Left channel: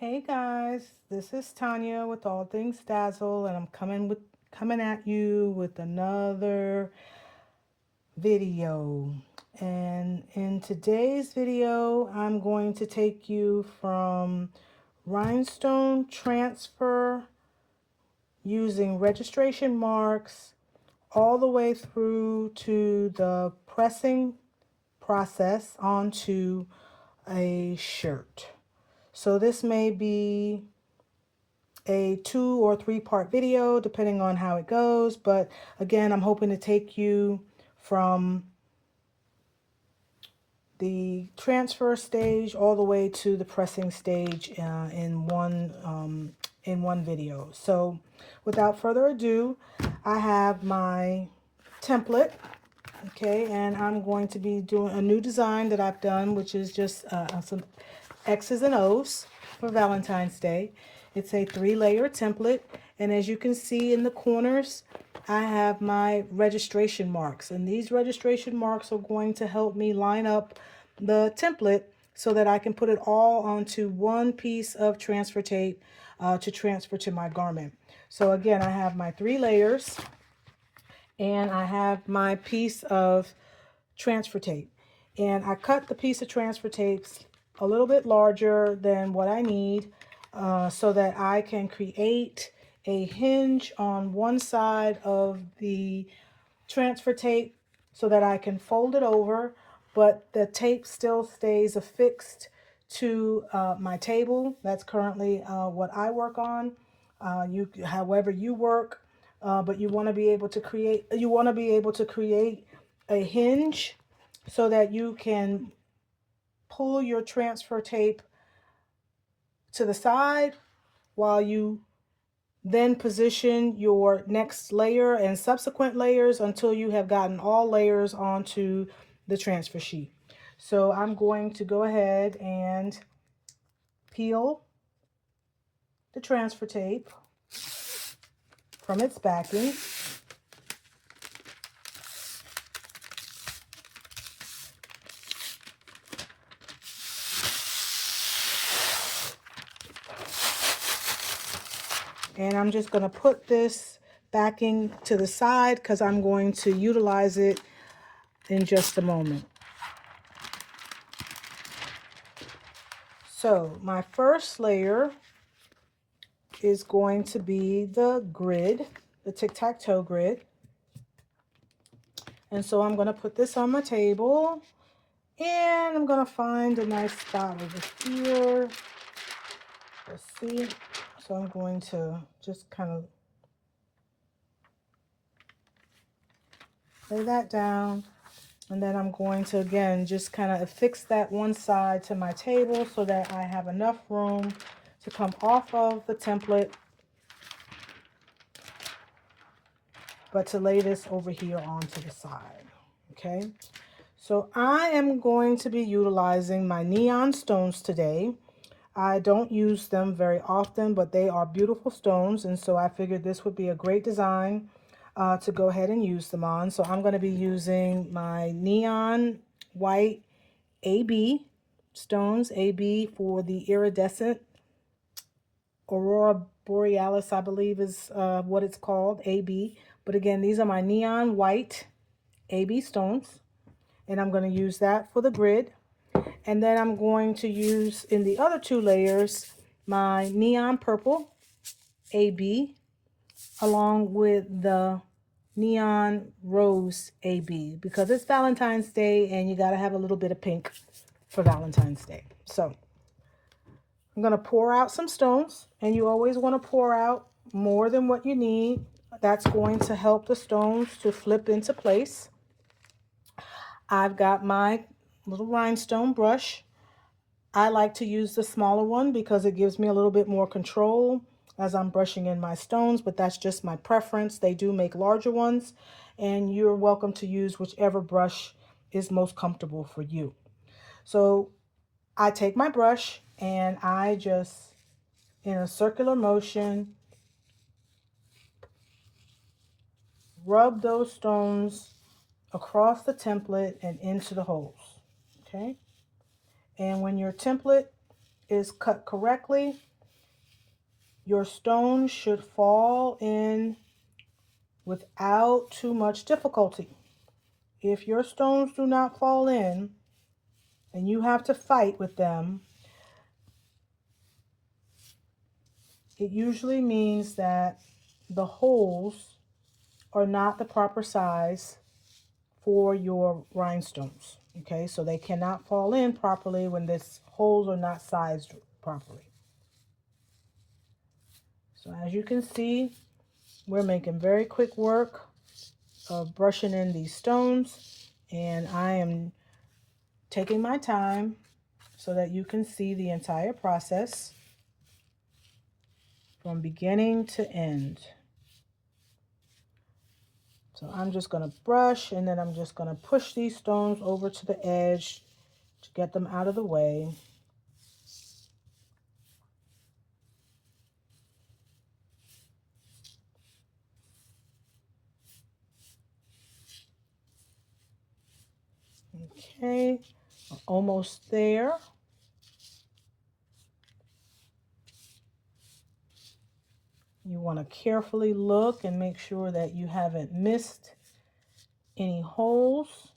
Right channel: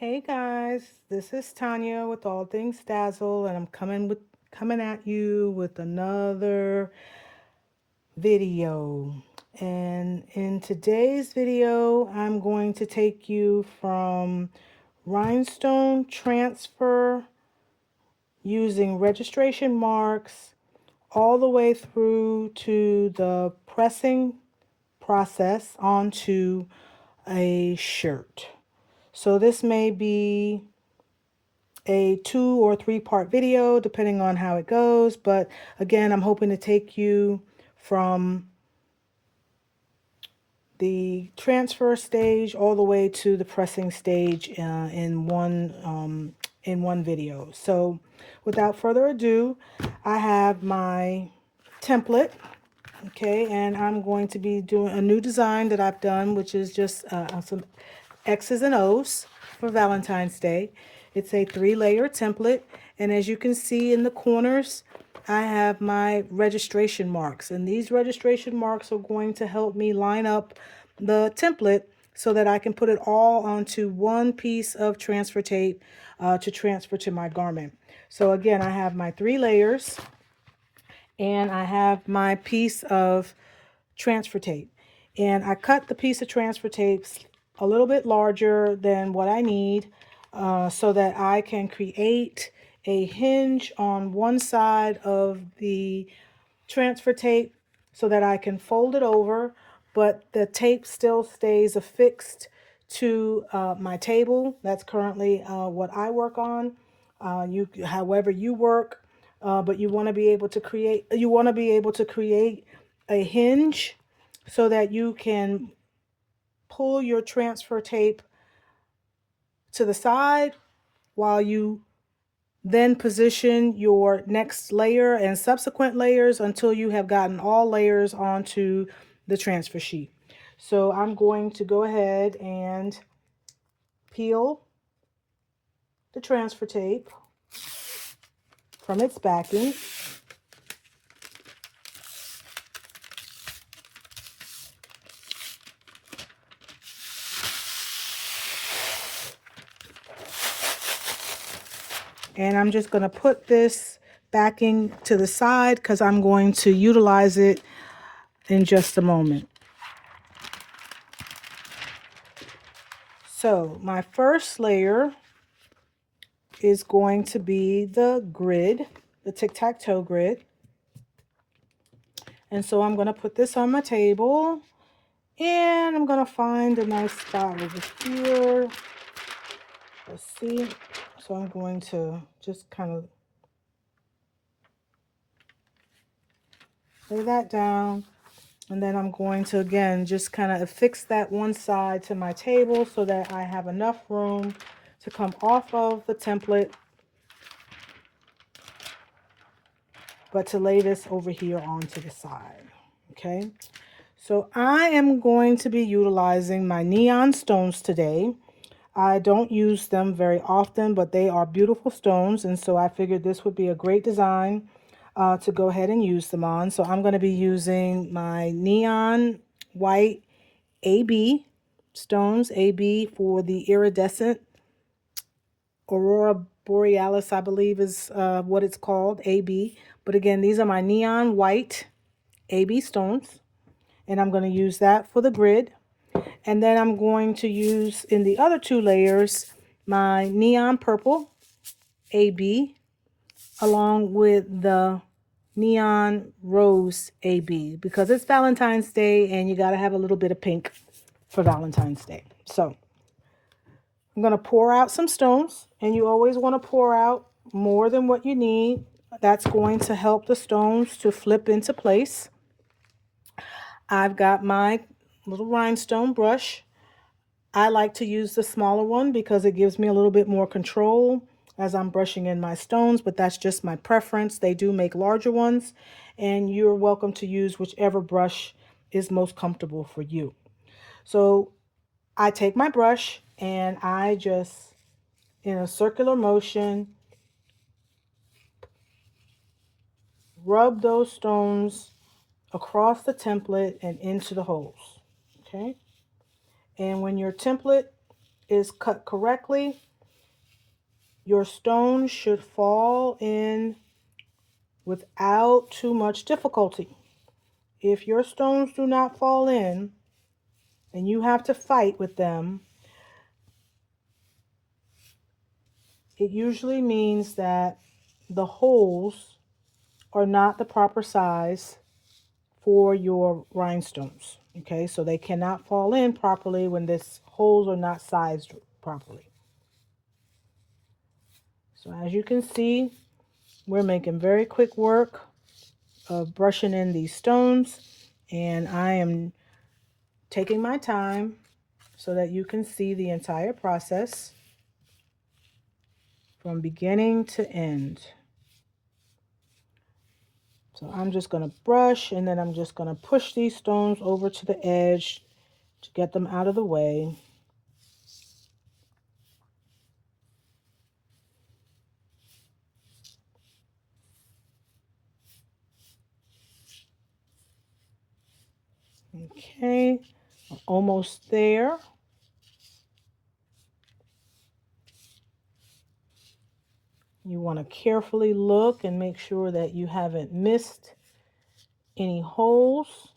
Hey guys, this is Tanya with All Things Dazzle, and I'm coming at you with another video. And in today's video, I'm going to take you from rhinestone transfer using registration marks all the way through to the pressing process onto a shirt. So this may be a 2 or 3 part video depending on how it goes, but again, I'm hoping to take you from the transfer stage all the way to the pressing stage in one video. So without further ado, I have my template. Okay, and I'm going to be doing a new design that I've done, which is just some X's and O's for Valentine's Day. It's a 3-layer template, and as you can see in the corners, I have my registration marks, and these registration marks are going to help me line up the template so that I can put it all onto one piece of transfer tape to transfer to my garment. So again, I have my 3 layers and I have my piece of transfer tape. And I cut the piece of transfer tape a little bit larger than what I need so that I can create a hinge on one side of the transfer tape so that I can fold it over, but the tape still stays affixed to my table. That's currently what I work on. However you work, but you want to be able to create a hinge so that you can pull your transfer tape to the side while you then position your next layer and subsequent layers until you have gotten all layers onto the transfer sheet. So I'm going to go ahead and peel the transfer tape from its backing. And I'm just going to put this backing to the side because I'm going to utilize it in just a moment. So my first layer is going to be the grid, the tic-tac-toe grid. And so I'm going to put this on my table and I'm going to find a nice spot over here. Let's see. So I'm going to just kind of lay that down. And then I'm going to, again, just kind of affix that one side to my table so that I have enough room to come off of the template, but to lay this over here onto the side. Okay. So I am going to be utilizing my neon stones today. I don't use them very often, but they are beautiful stones, and so I figured this would be a great design to go ahead and use them on. So I'm going to be using my neon white AB stones, AB for the iridescent Aurora Borealis, I believe is what it's called, AB. But again, these are my neon white AB stones, and I'm going to use that for the grid. And then I'm going to use in the other 2 layers my neon purple AB along with the neon rose AB because it's Valentine's Day and you got to have a little bit of pink for Valentine's Day. So I'm going to pour out some stones, and you always want to pour out more than what you need. That's going to help the stones to flip into place. I've got my little rhinestone brush. I like to use the smaller one because it gives me a little bit more control as I'm brushing in my stones, but that's just my preference. They do make larger ones, and you're welcome to use whichever brush is most comfortable for you. So I take my brush and I just, in a circular motion, rub those stones across the template and into the holes. Okay? And when your template is cut correctly, your stones should fall in without too much difficulty. If your stones do not fall in and you have to fight with them, it usually means that the holes are not the proper size for your rhinestones. Okay, so they cannot fall in properly when this holes are not sized properly. So as you can see, we're making very quick work of brushing in these stones, and I am taking my time so that you can see the entire process from beginning to end. So I'm just going to brush, and then I'm just going to push these stones over to the edge to get them out of the way. Okay, almost there. You want to carefully look and make sure that you haven't missed any holes.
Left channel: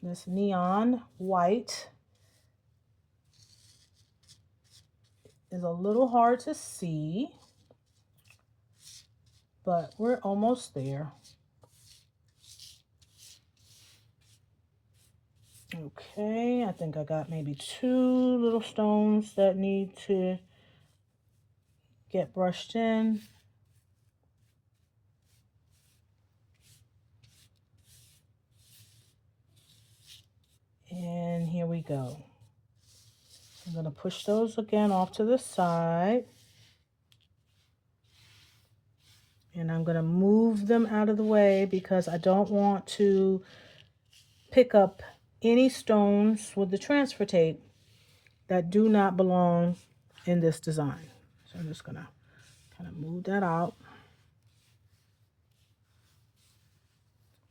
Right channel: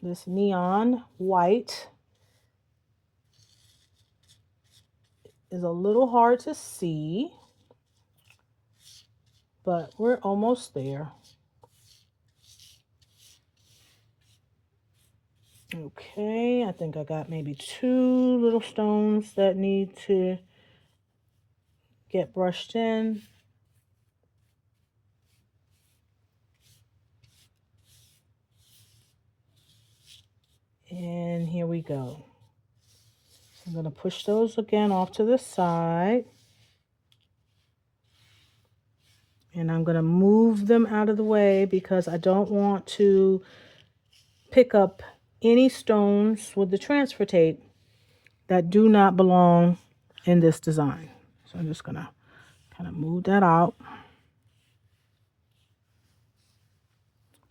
This neon white is a little hard to see, but we're almost there. Okay, I think I got maybe 2 little stones that need to get brushed in. And here we go. I'm going to push those again off to the side. And I'm going to move them out of the way because I don't want to pick up any stones with the transfer tape that do not belong in this design. So I'm just going to kind of move that out.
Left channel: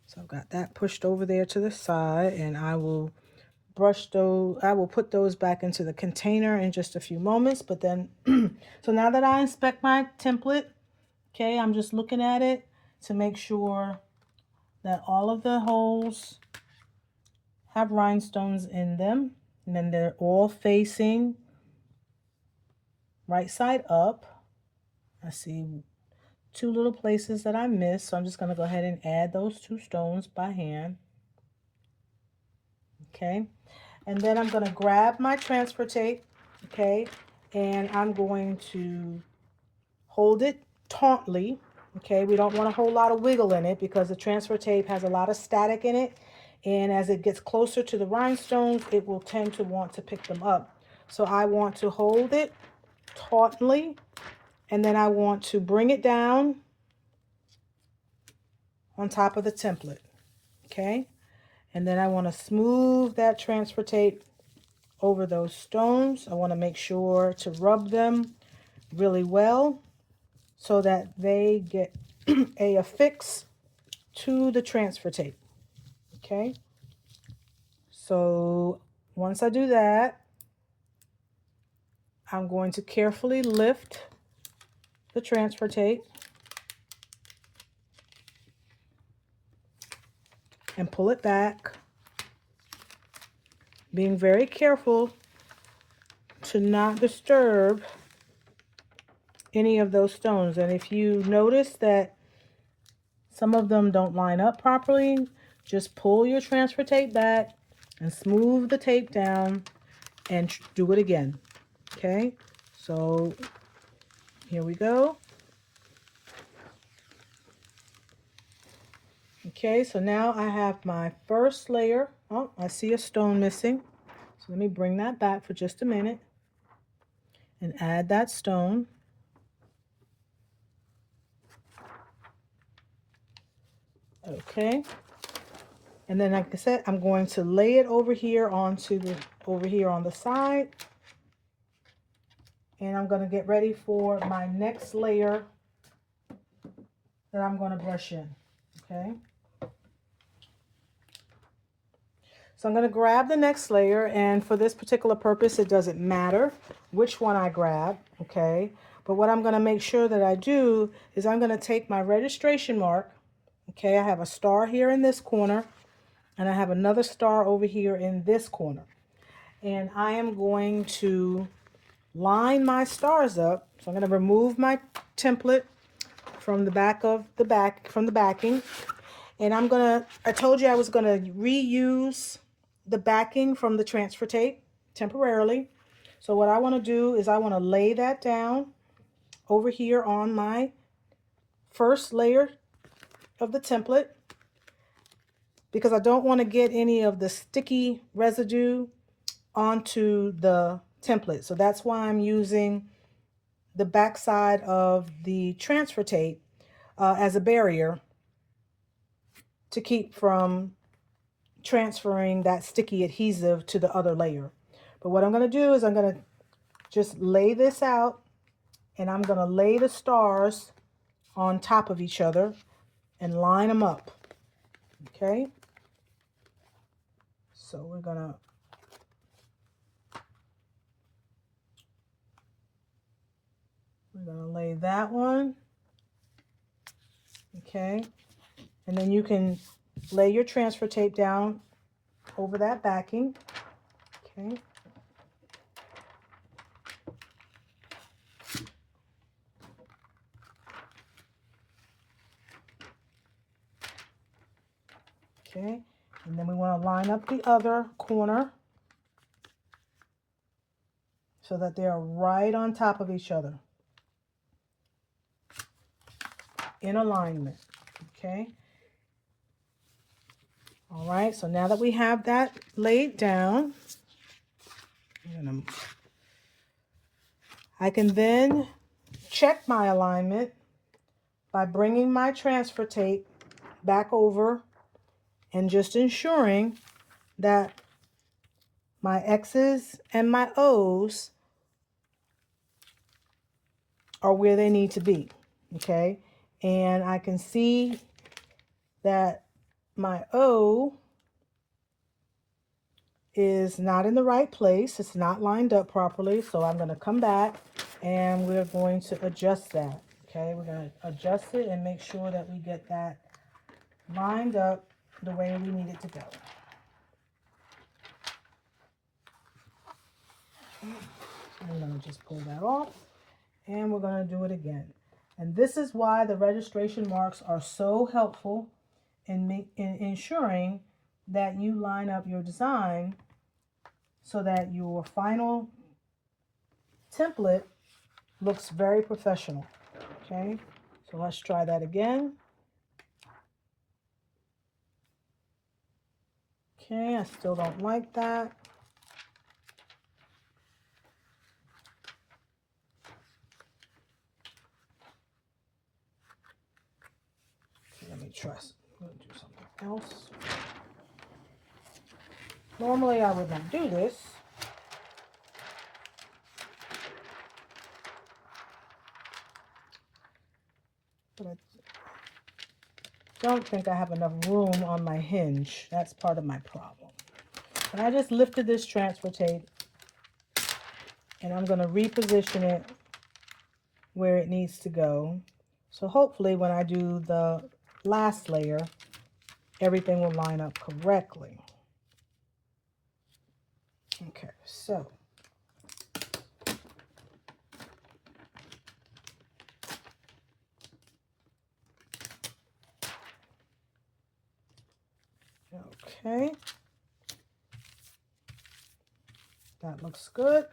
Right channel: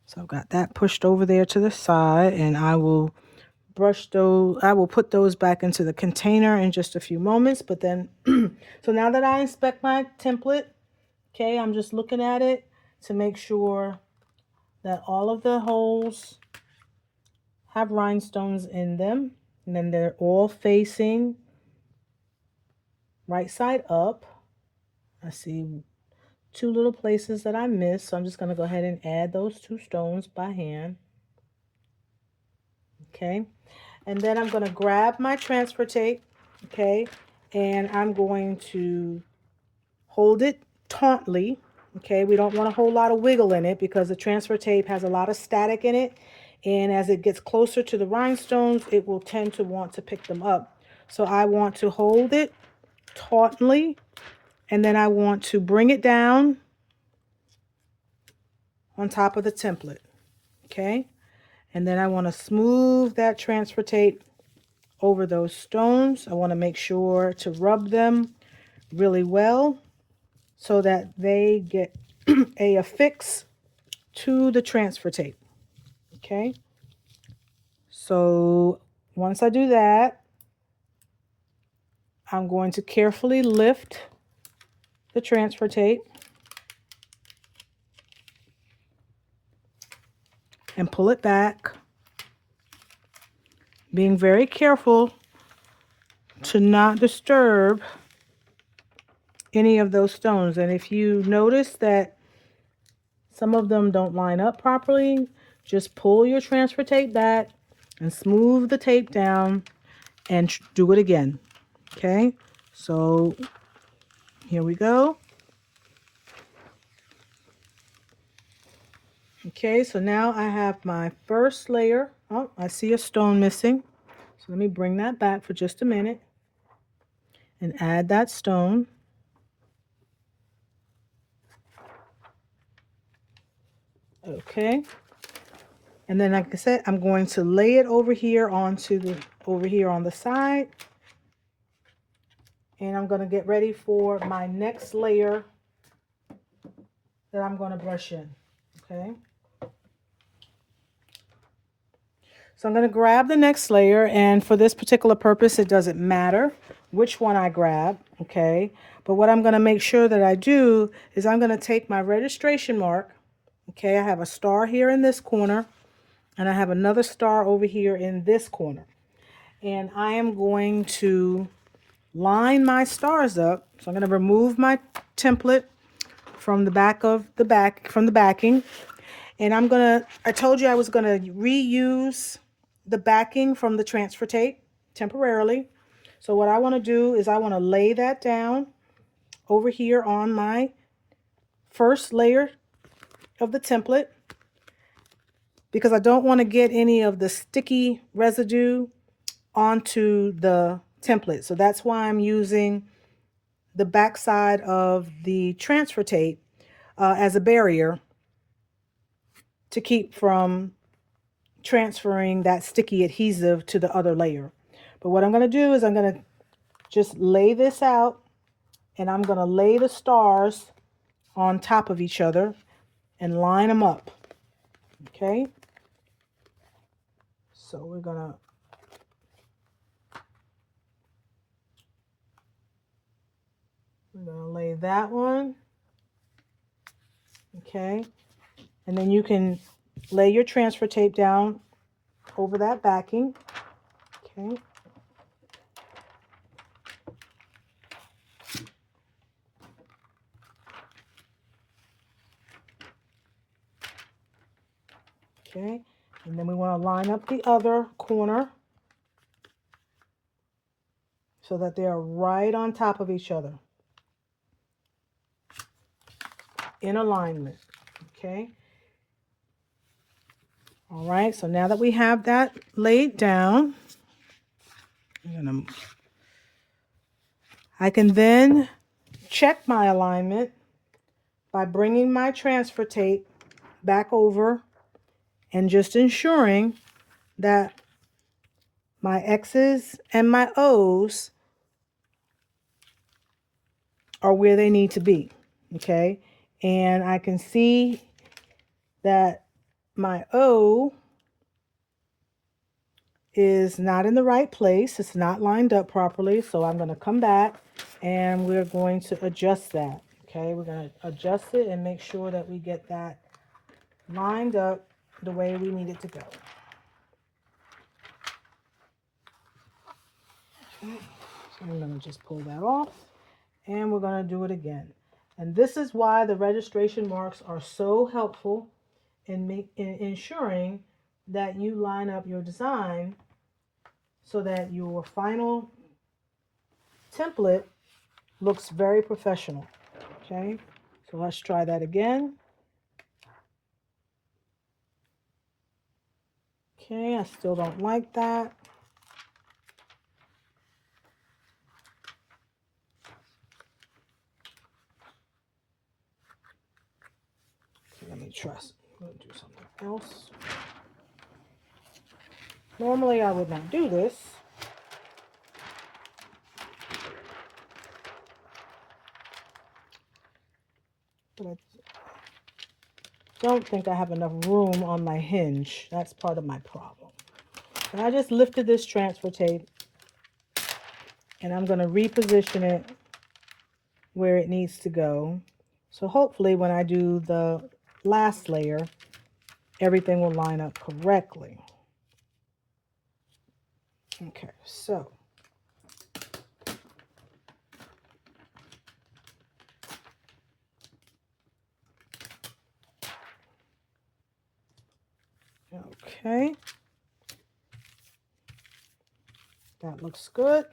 So I've got that pushed over there to the side, and I will put those back into the container in just a few moments. But then, so now that I inspect my template, okay, I'm just looking at it to make sure that all of the holes have rhinestones in them, and then they're all facing right side up. I see 2 little places that I missed, so I'm just going to go ahead and add those 2 stones by hand. Okay, and then I'm going to grab my transfer tape, okay, and I'm going to hold it tautly. Okay, we don't want a whole lot of wiggle in it because the transfer tape has a lot of static in it, and as it gets closer to the rhinestones, it will tend to want to pick them up. So I want to hold it tautly, and then I want to bring it down on top of the template. Okay, and then I want to smooth that transfer tape over those stones. I want to make sure to rub them really well so that they get a affix to the transfer tape. Okay, so once I do that, I'm going to carefully lift the transfer tape and pull it back, being very careful to not disturb any of those stones. And if you notice that some of them don't line up properly, just pull your transfer tape back and smooth the tape down and do it again. Okay, so here we go. Okay, so now I have my first layer. Oh, I see a stone missing. So let me bring that back for just a minute and add that stone. Okay, and then like I said, I'm going to lay it over here on the side, and I'm going to get ready for my next layer that I'm going to brush in. Okay, So I'm going to grab the next layer, and for this particular purpose, it doesn't matter which one I grab, okay? But what I'm going to make sure that I do is I'm going to take my registration mark, okay? I have a star here in this corner, and I have another star over here in this corner. And I am going to line my stars up. So I'm going to remove my template from the backing. And I told you I was going to reuse the backing from the transfer tape temporarily. So what I want to do is I want to lay that down over here on my first layer of the template, because I don't want to get any of the sticky residue onto the template. So that's why I'm using the backside of the transfer tape as a barrier to keep from transferring that sticky adhesive to the other layer. But what I'm going to do is I'm going to just lay this out, and I'm going to lay the stars on top of each other and line them up. Okay, so we're going to lay that one. Okay, and then you can lay your transfer tape down over that backing. Okay. Okay, and then we want to line up the other corner so that they are right on top of each other in alignment. Okay. All right, so now that we have that laid down, I can then check my alignment by bringing my transfer tape back over and just ensuring that my X's and my O's are where they need to be. Okay, and I can see that my O is not in the right place. It's not lined up properly. So I'm going to come back and we're going to adjust that. Okay, we're going to adjust it and make sure that we get that lined up the way we need it to go. Okay. So I'm going to just pull that off, and we're going to do it again. And this is why the registration marks are so helpful in ensuring that you line up your design so that your final template looks very professional. Okay, so let's try that again. Okay, I still don't like that. Okay, let me try. Let me do something else. Normally I would not do this, but I don't think I have enough room on my hinge. That's part of my problem. And I just lifted this transfer tape, and I'm going to reposition it where it needs to go. So hopefully when I do the last layer, everything will line up correctly. Okay, so okay, that looks good.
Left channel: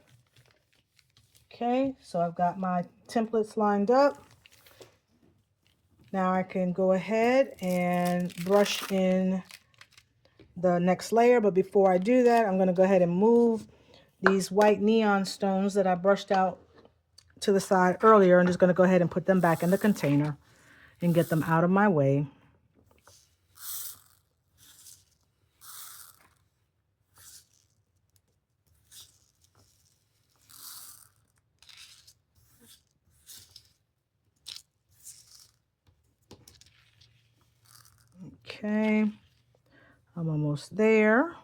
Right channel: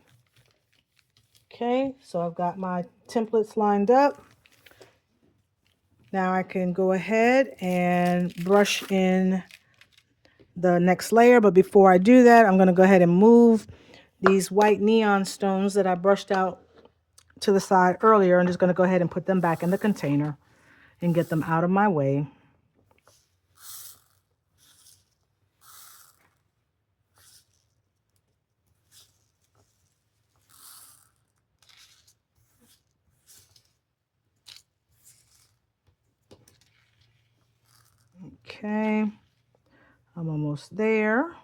Okay, so I've got my templates lined up. Now I can go ahead and brush in the next layer, but before I do that, I'm going to go ahead and move these white neon stones that I brushed out to the side earlier. I'm just going to go ahead and put them back in the container and get them out of my way. Okay, I'm almost there.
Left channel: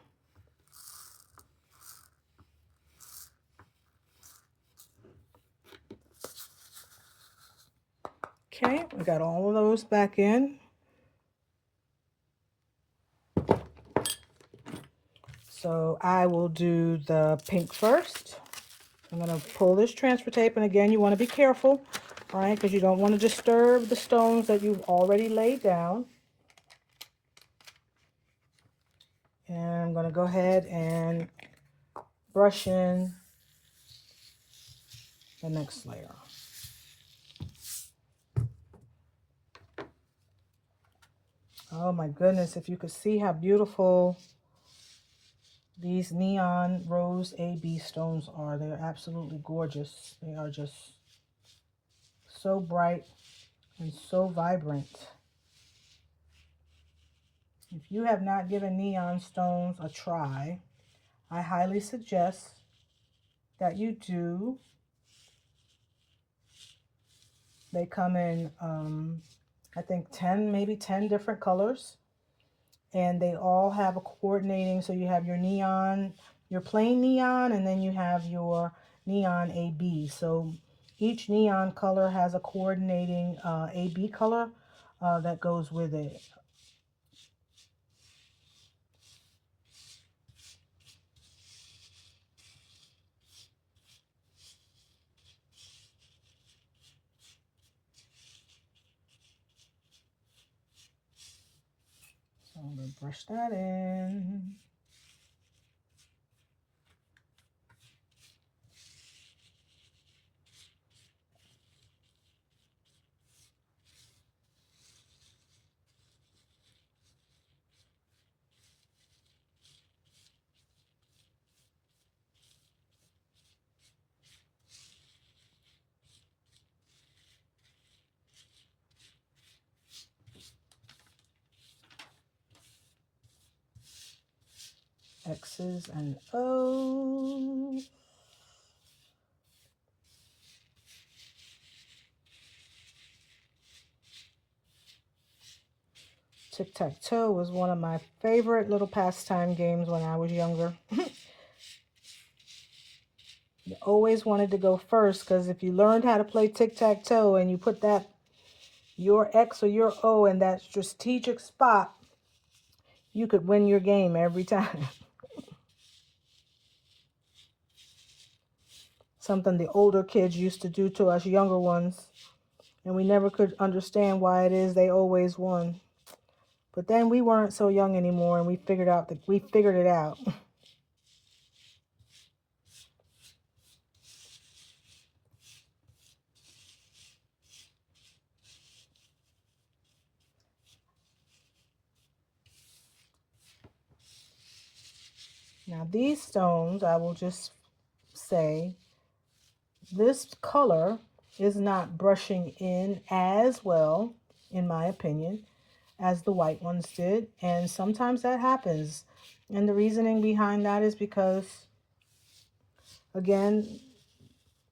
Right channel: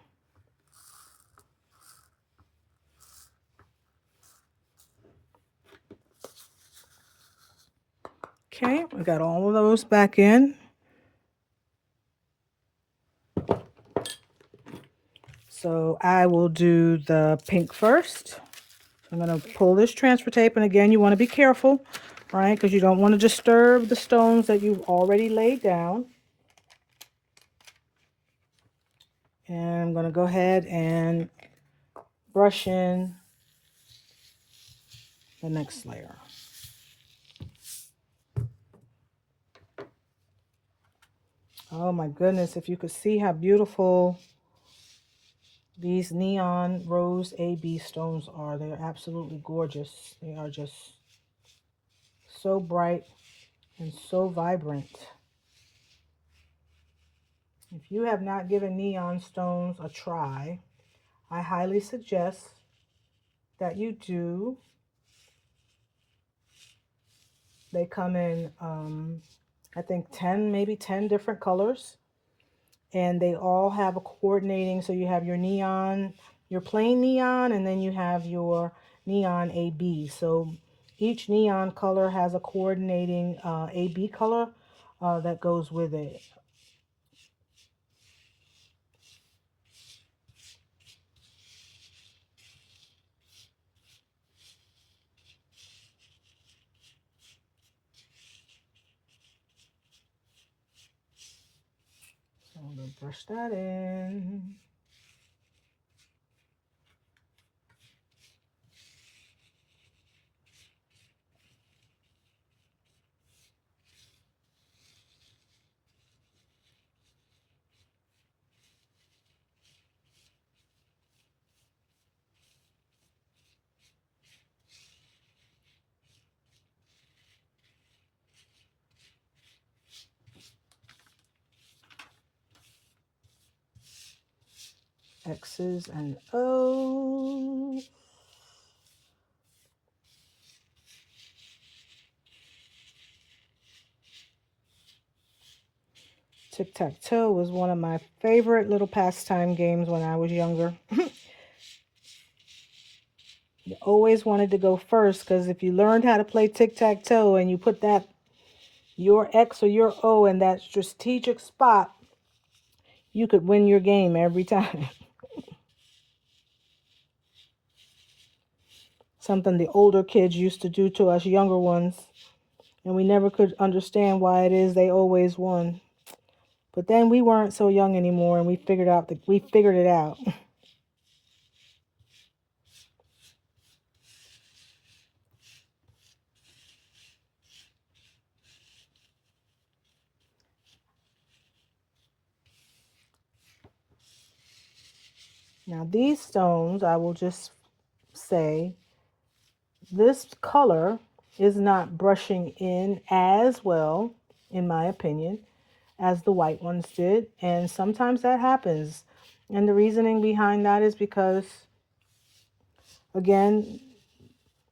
Okay, we got all of those back in. So I will do the pink first. I'm going to pull this transfer tape, and again, you want to be careful, right? Because you don't want to disturb the stones that you've already laid down. And I'm going to go ahead and brush in the next layer. Oh my goodness, if you could see how beautiful these neon rose AB stones are. They're absolutely gorgeous. They are just so bright and so vibrant. If you have not given neon stones a try, I highly suggest that you do. They come in, I think 10, maybe 10 different colors. And they all have a coordinating, so you have your neon, your plain neon, and then you have your neon AB. So each neon color has a coordinating AB color that goes with it. So I'm going to brush that in. X's and O's. Tic-tac-toe was one of my favorite little pastime games when I was younger. You always wanted to go first because if you learned how to play tic-tac-toe and you put that your X or your O in that strategic spot, you could win your game every time. Something the older kids used to do to us younger ones, and we never could understand why it is they always won. But then we weren't so young anymore, and we figured it out. Now these stones, I will just say, this color is not brushing in as well, in my opinion, as the white ones did. And sometimes that happens. And the reasoning behind that is because, again,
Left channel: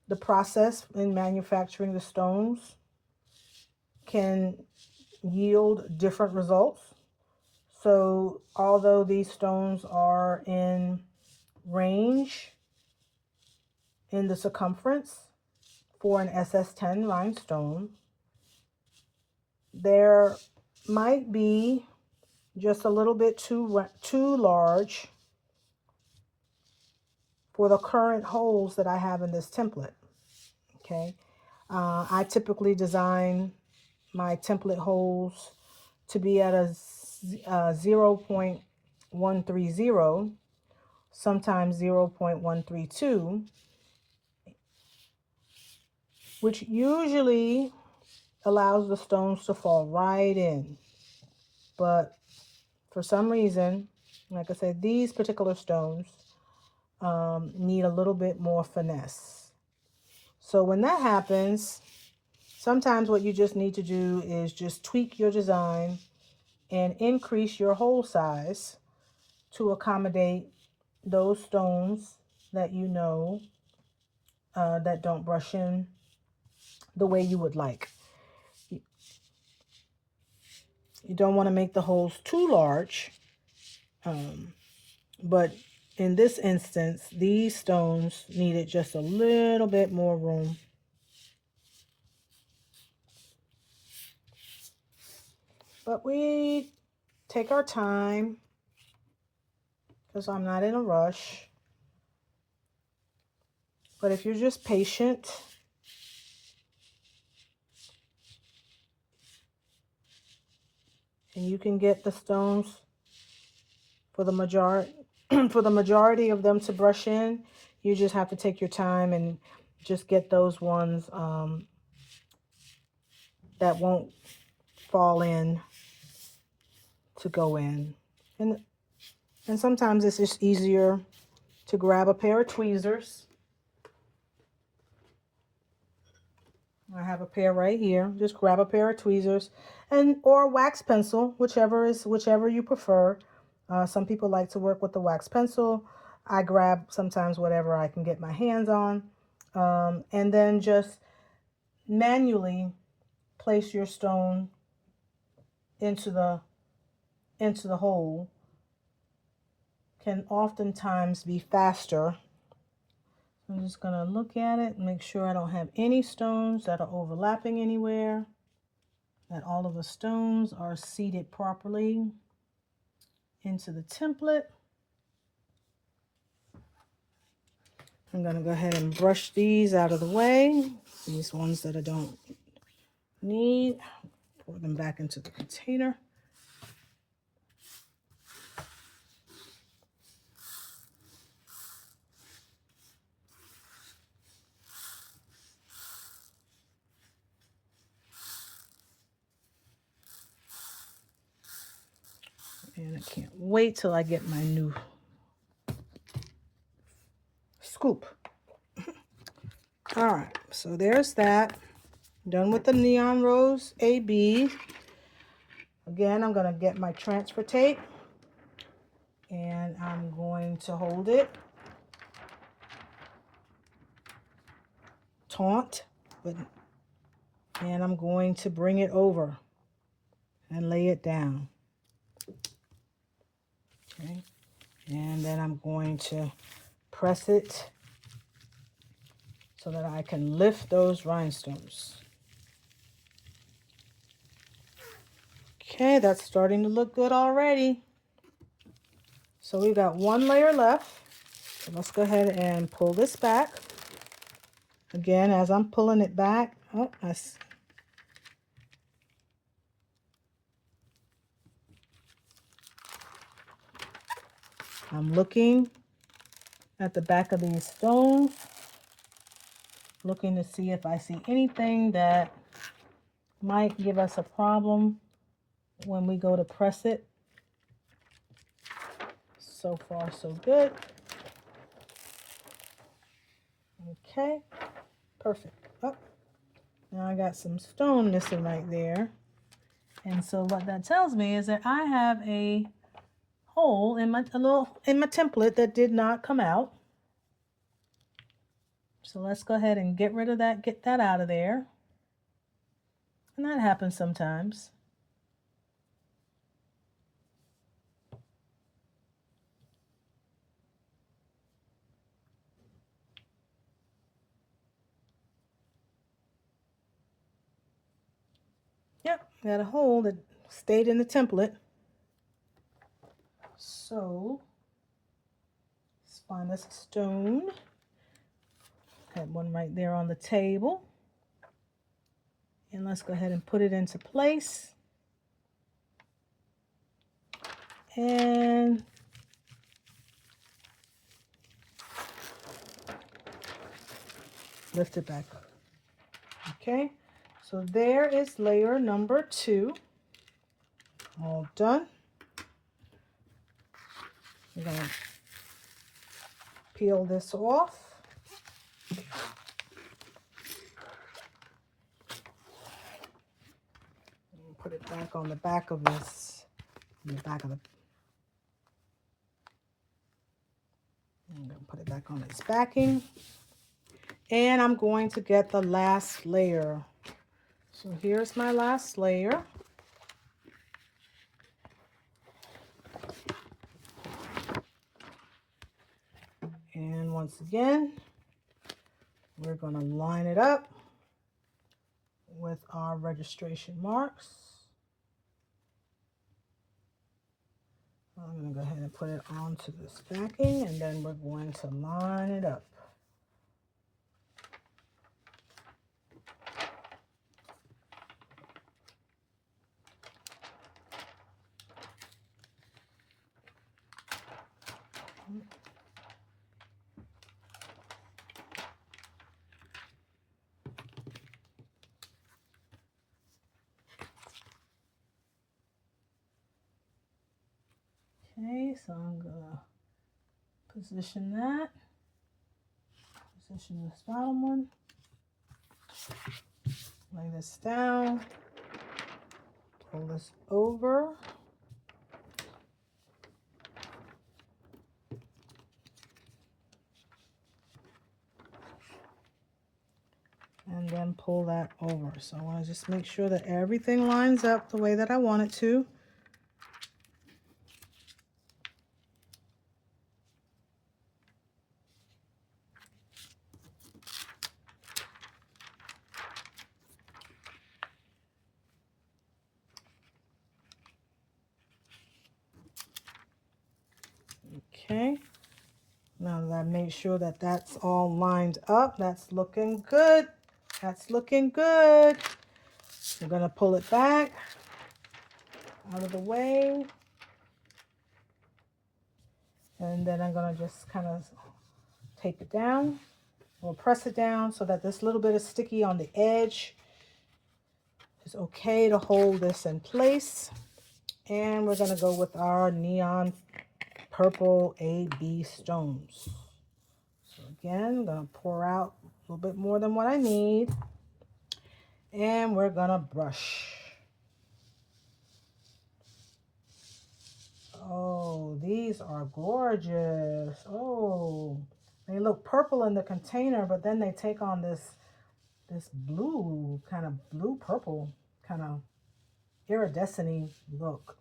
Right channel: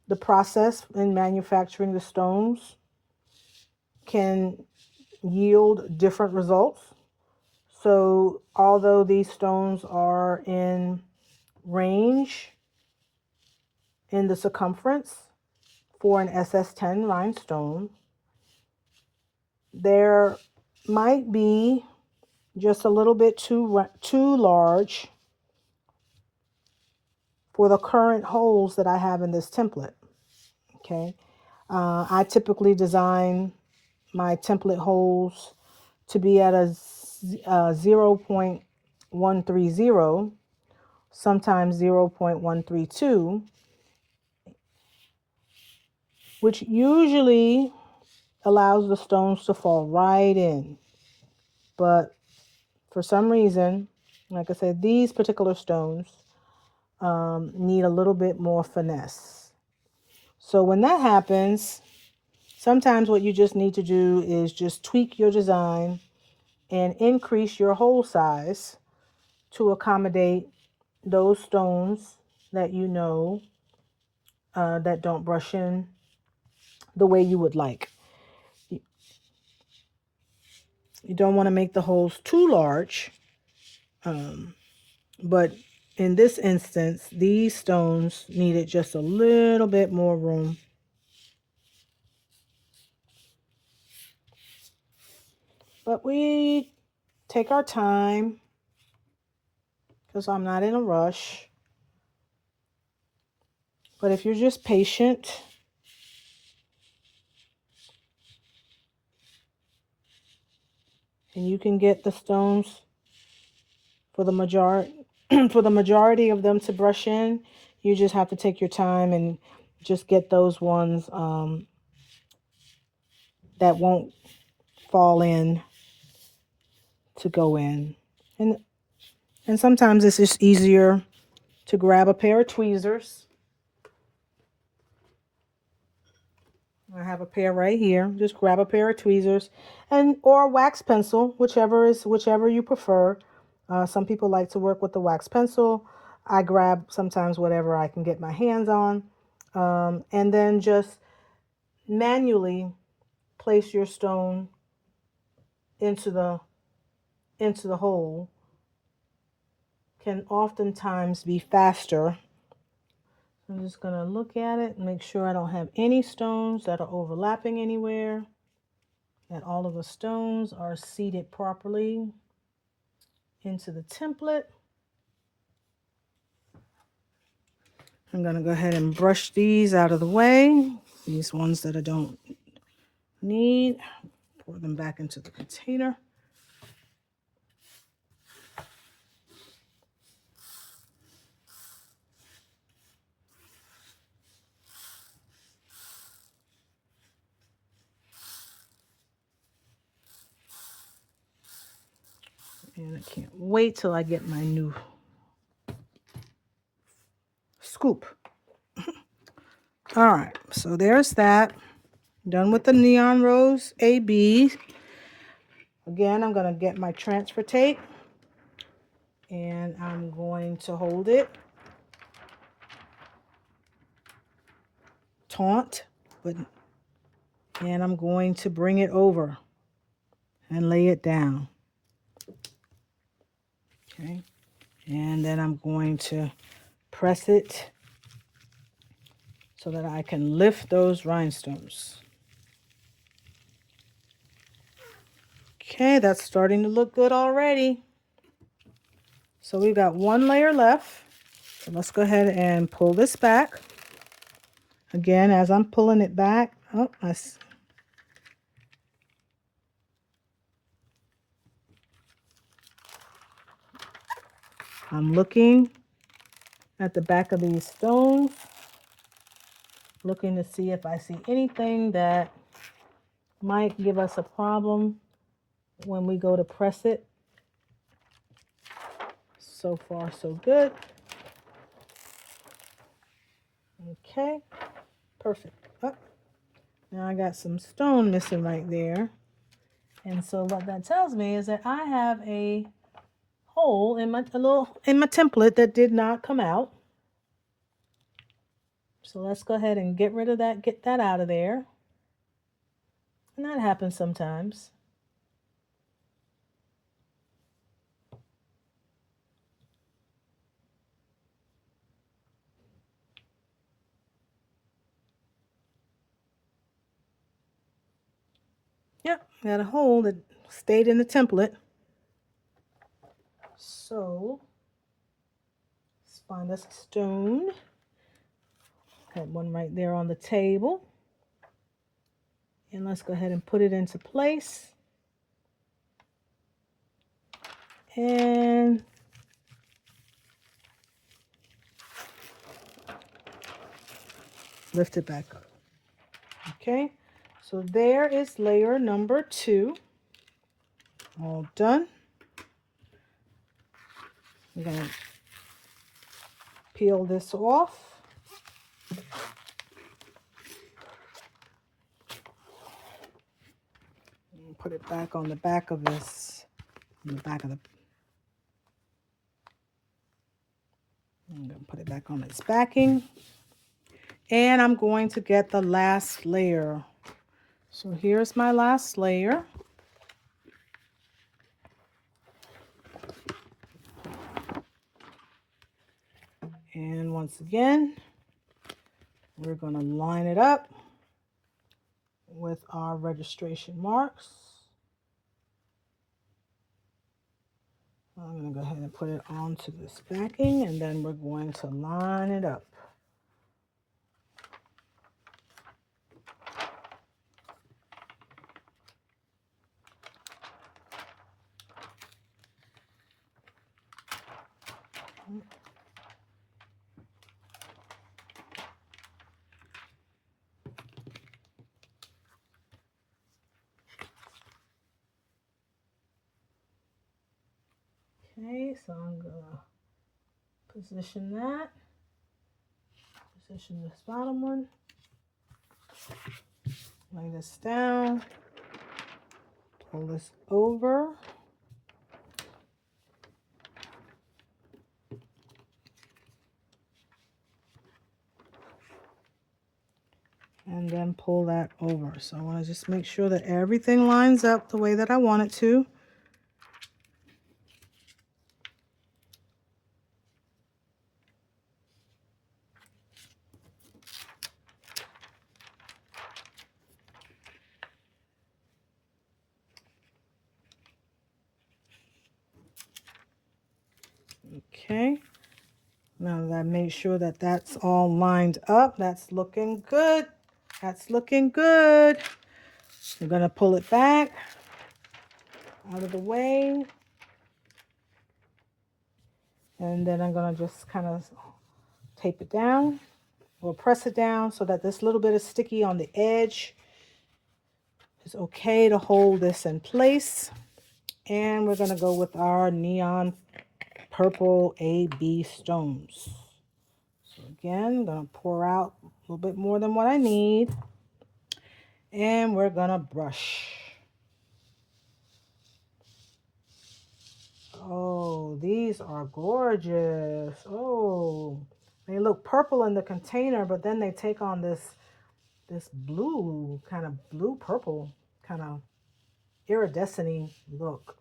the process in manufacturing the stones can yield different results. So although these stones are in range in the circumference for an SS10 rhinestone, there might be just a little bit too large for the current holes that I have in this template. Okay, I typically design my template holes to be at a 0.130, sometimes 0.132, which usually allows the stones to fall right in. But for some reason, like I said, these particular stones need a little bit more finesse. So when that happens, sometimes what you just need to do is just tweak your design and increase your hole size to accommodate those stones that you know that don't brush in the way you would like. You don't want to make the holes too large, but in this instance, these stones needed just a little bit more room. But we take our time because I'm not in a rush. But if you're just patient, and you can get the stones for the majority of them to brush in, you just have to take your time and just get those ones that won't fall in to go in. And sometimes it's just easier to grab a pair of tweezers. I have a pair right here. Just grab a pair of tweezers and or a wax pencil, whichever you prefer. Some people like to work with the wax pencil. I grab sometimes whatever I can get my hands on. And then just manually place your stone into the hole. Can oftentimes be faster. I'm just going to look at it and make sure I don't have any stones that are overlapping anywhere, that all of the stones are seated properly into the template. I'm going to go ahead and brush these out of the way. These ones that I don't need, pour them back into the container. And I can't wait till I get my new scoop. All right, so there's that. Done with the Neon Rose AB. Again, I'm going to get my transfer tape and I'm going to hold it taut, and I'm going to bring it over and lay it down. Okay, and then I'm going to press it so that I can lift those rhinestones. Okay, that's starting to look good already. So we've got one layer left. So let's go ahead and pull this back. Again, as I'm pulling it back, I'm looking at the back of these stones, looking to see if I see anything that might give us a problem when we go to press it. So far, so good. Okay, perfect. Oh, now I got some stone missing right there. And so what that tells me is that I have a hole in my template that did not come out. So let's go ahead and get rid of that, get that out of there. And that happens sometimes. Yep, got a hole that stayed in the template. So let's find this stone. Got one right there on the table. And let's go ahead and put it into place. And lift it back up. Okay, so there is layer number 2. All done. I'm going to peel this off. And put it back on the back of this, on the back of the, I'm going to put it back on its backing. And I'm going to get the last layer. So here's my last layer. And once again, we're going to line it up with our registration marks. I'm going to go ahead and put it onto this backing, and then we're going to line it up. Okay, so I'm going to position that. Position this bottom one. Lay this down. Pull this over. And then pull that over. So I want to just make sure that everything lines up the way that I want it to. Okay, now that I made sure that that's all lined up, that's looking good. That's looking good. I'm going to pull it back out of the way. And then I'm going to just kind of tape it down. We'll press it down so that this little bit of sticky on the edge is okay to hold this in place. And we're going to go with our neon purple AB stones. So again, I'm going to pour out a little bit more than what I need. And we're going to brush. Oh, these are gorgeous. Oh, they look purple in the container, but then they take on this blue, kind of blue purple, kind of iridescent look.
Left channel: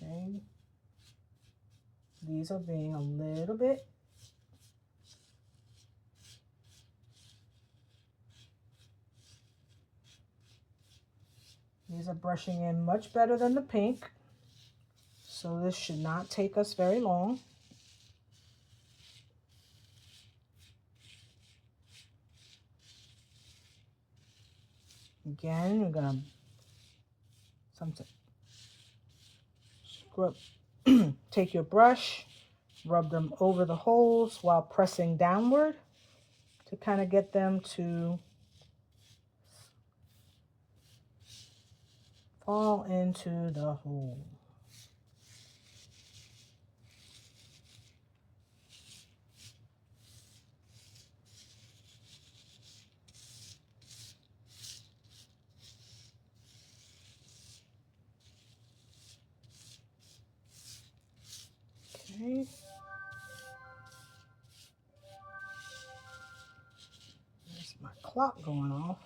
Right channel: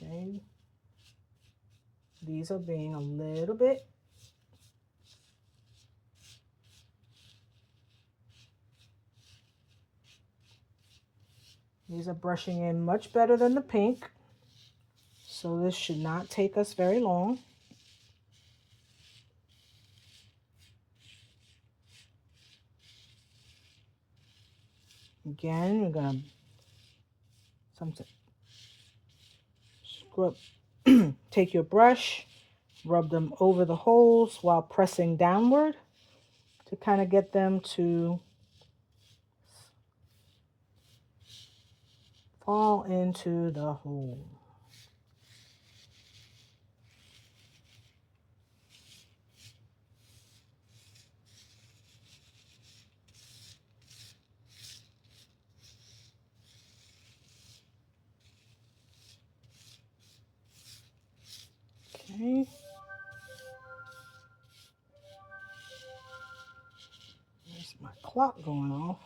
Okay, these are being a little bit these are brushing in much better than the pink, so this should not take us very long. Again, you're gonna scrub take your brush, rub them over the holes while pressing downward to kind of get them to fall into the hole. Okay. There's my clock going off.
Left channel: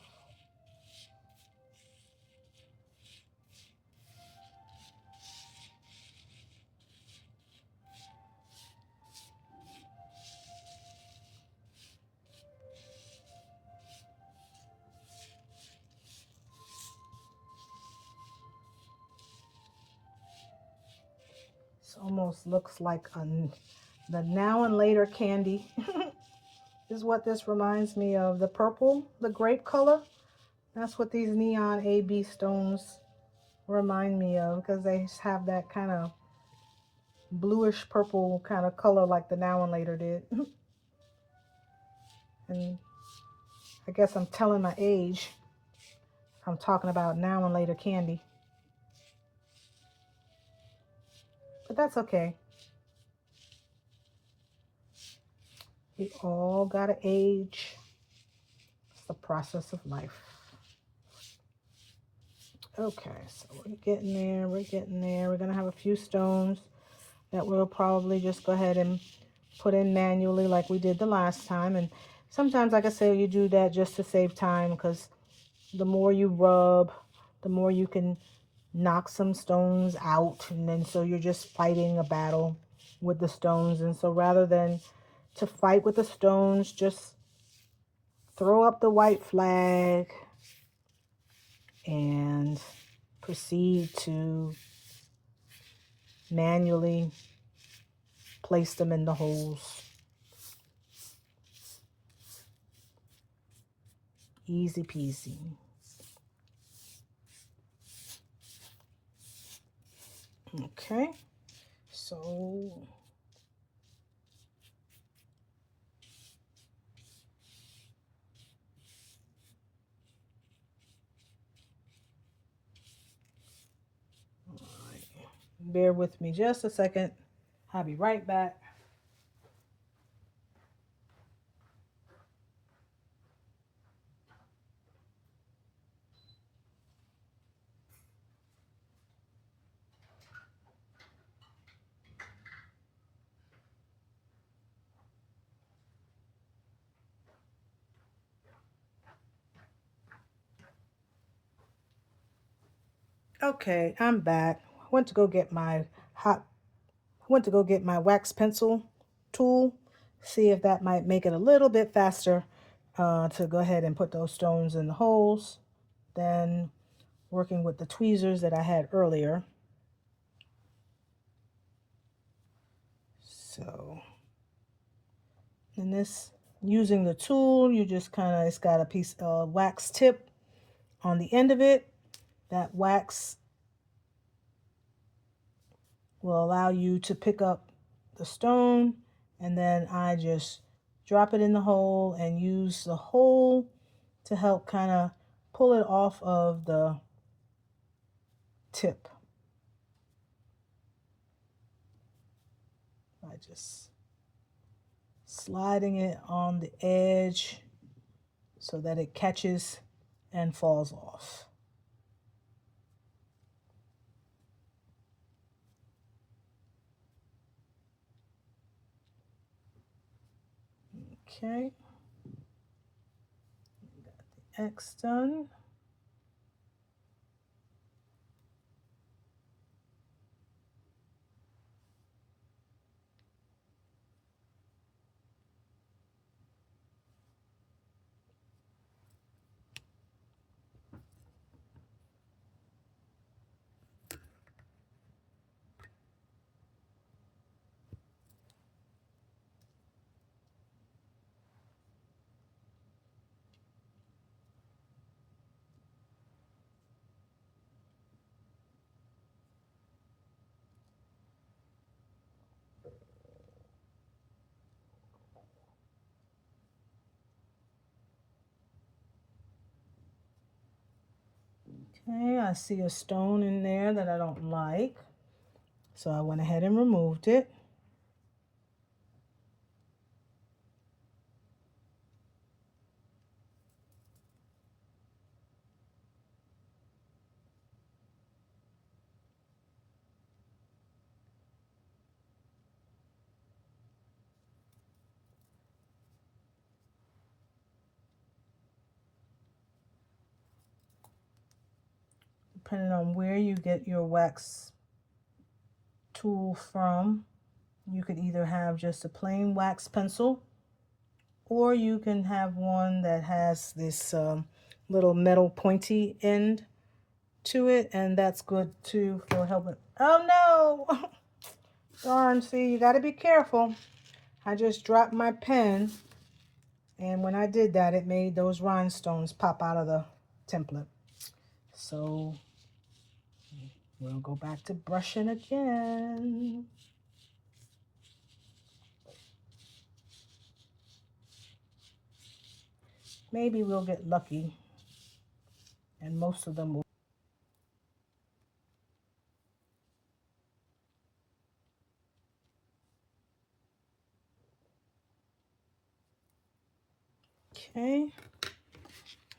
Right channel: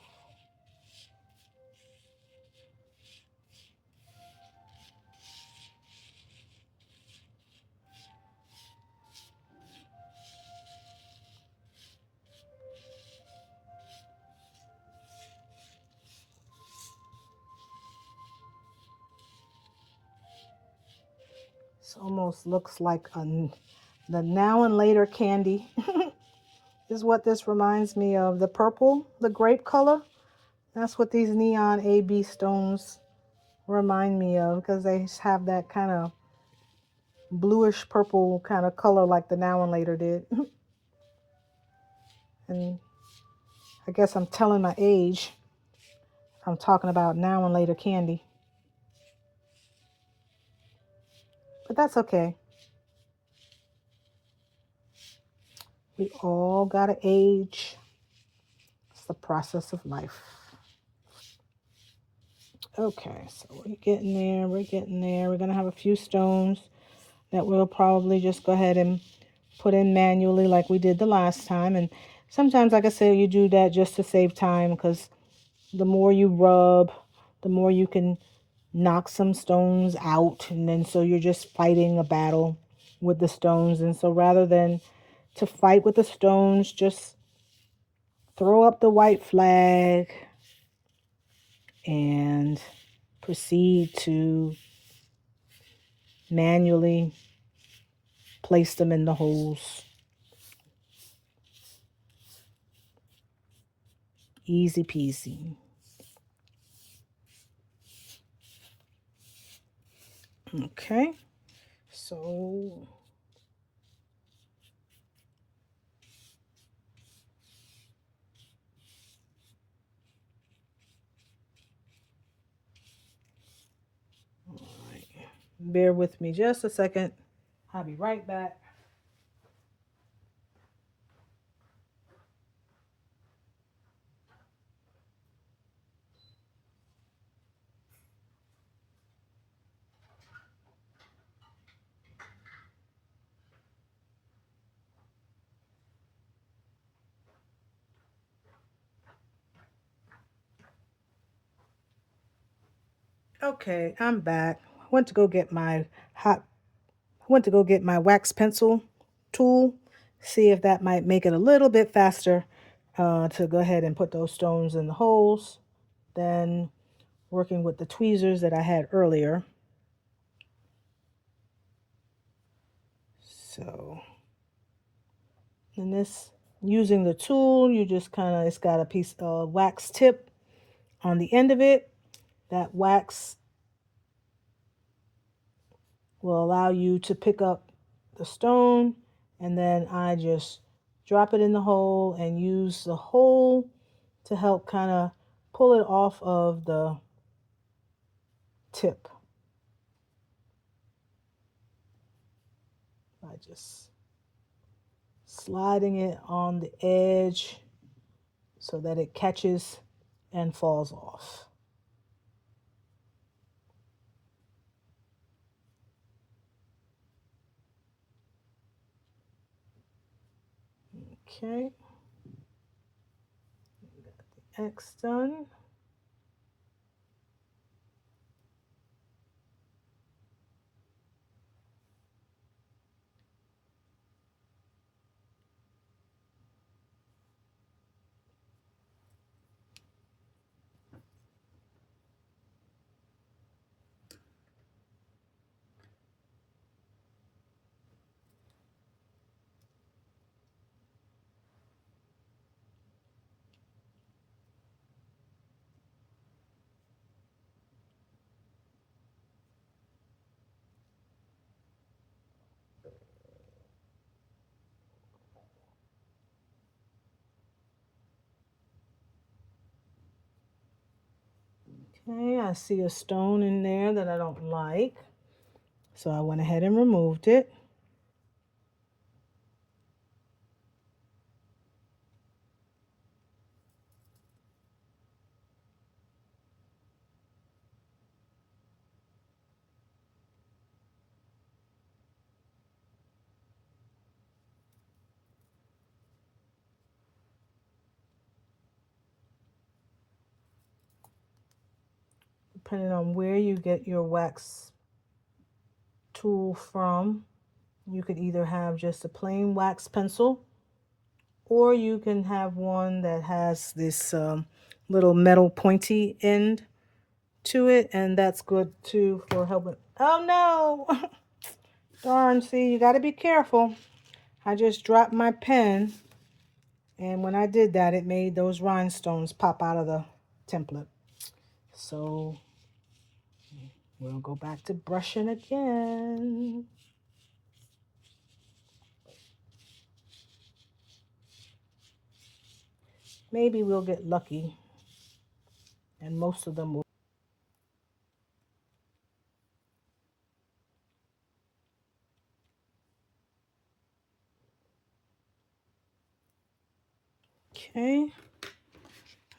This almost looks like the now and later candy is what this reminds me of. The purple, the grape color. That's what these neon AB stones remind me of, because they have that kind of bluish purple kind of color like the now and later did. And I guess I'm telling my age. I'm talking about now and later candy. But that's okay. We all gotta age. It's the process of life. Okay, so we're getting there. We're getting there. We're gonna have a few stones that we'll probably just go ahead and put in manually like we did the last time. And sometimes, like I said, you do that just to save time, because the more you rub, the more you can knock some stones out, and then so you're just fighting a battle with the stones. And so rather than to fight with the stones, just throw up the white flag and proceed to manually place them in the holes. Easy peasy. Okay, so bear with me just a second. I'll be right back. Okay, I'm back. Went to go get my wax pencil tool, see if that might make it a little bit faster to go ahead and put those stones in the holes than working with the tweezers that I had earlier. So, in this, using the tool, you just it's got a piece of wax tip on the end of it. That wax will allow you to pick up the stone, and then I just drop it in the hole and use the hole to help kind of pull it off of the tip by just sliding it on the edge so that it catches and falls off. Okay, got the X done. Okay, I see a stone in there that I don't like, so I went ahead and removed it. Depending on where you get your wax tool from, you could either have just a plain wax pencil, or you can have one that has this little metal pointy end to it, and that's good too for helping. Oh no! Darn, see, you got to be careful. I just dropped my pen, and when I did that, it made those rhinestones pop out of the template. So we'll go back to brushing again. Maybe we'll get lucky, and most of them will. Okay,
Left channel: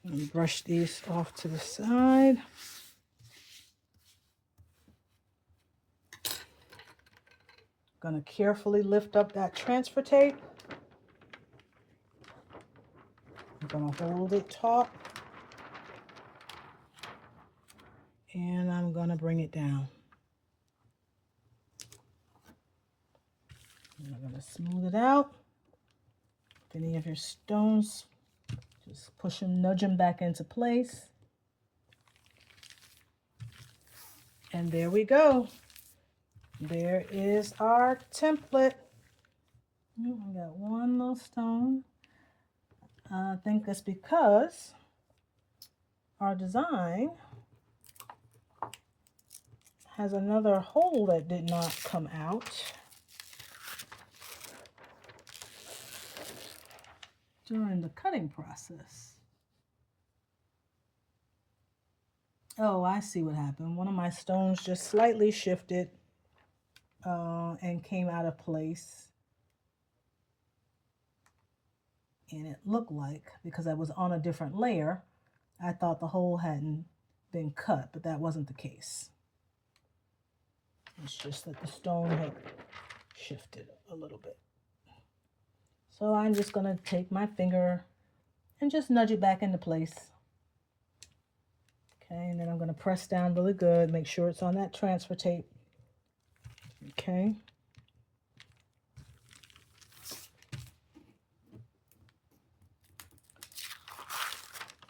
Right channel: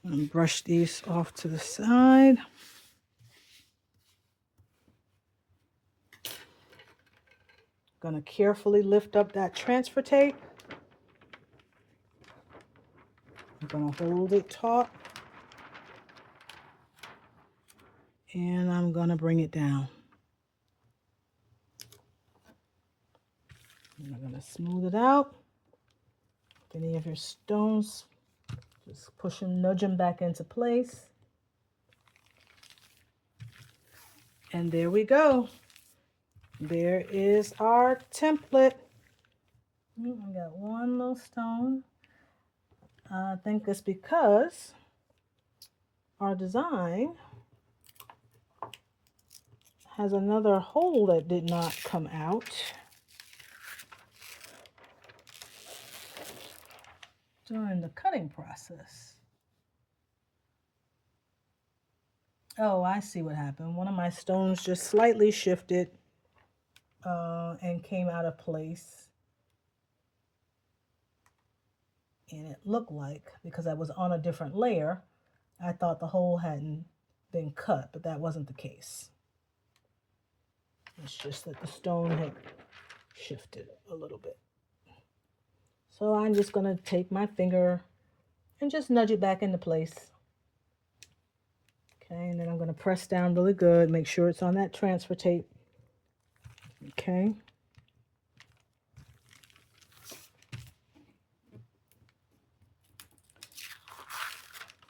and brush these off to the side. Gonna carefully lift up that transfer tape. I'm gonna hold it taut, and I'm gonna bring it down. And I'm gonna smooth it out. If any of your stones, just push them, nudge them back into place. And there we go. There is our template. I got one little stone. I think it's because our design has another hole that did not come out during the cutting process. Oh, I see what happened. One of my stones just slightly shifted and came out of place. And it looked like, because I was on a different layer, I thought the hole hadn't been cut, but that wasn't the case. It's just that the stone had shifted a little bit. So I'm just going to take my finger and just nudge it back into place. Okay, and then I'm going to press down really good, make sure it's on that transfer tape. Okay.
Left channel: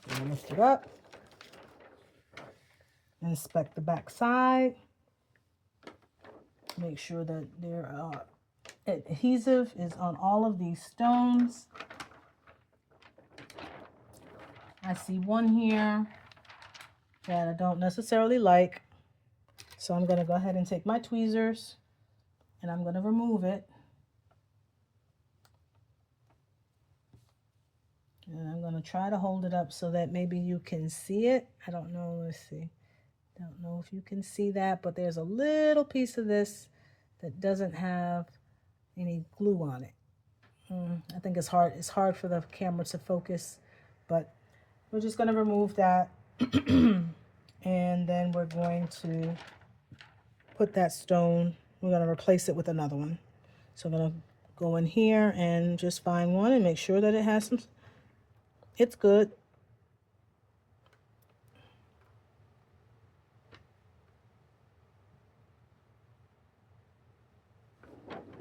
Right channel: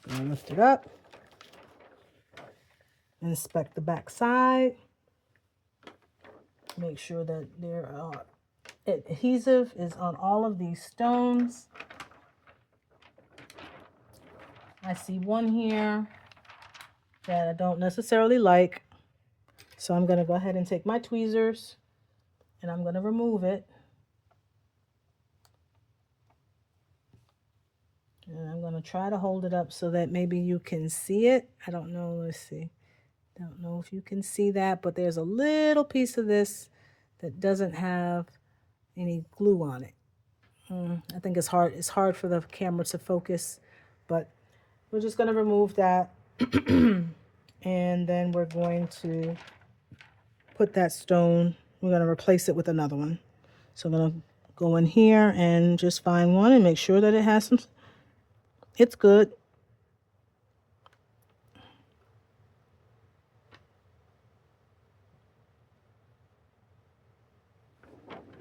And lift it up. Inspect the back side. Make sure that there adhesive is on all of these stones. I see one here that I don't necessarily like. So I'm going to go ahead and take my tweezers and I'm going to remove it. And I'm going to try to hold it up so that maybe you can see it. I don't know. Let's see. Don't know if you can see that, but there's a little piece of this that doesn't have any glue on it. I think it's hard. It's hard for the camera to focus, but we're just going to remove that. And then we're going to put that stone, we're going to replace it with another one. So I'm going to go in here and just find one and make sure that it has some, it's good.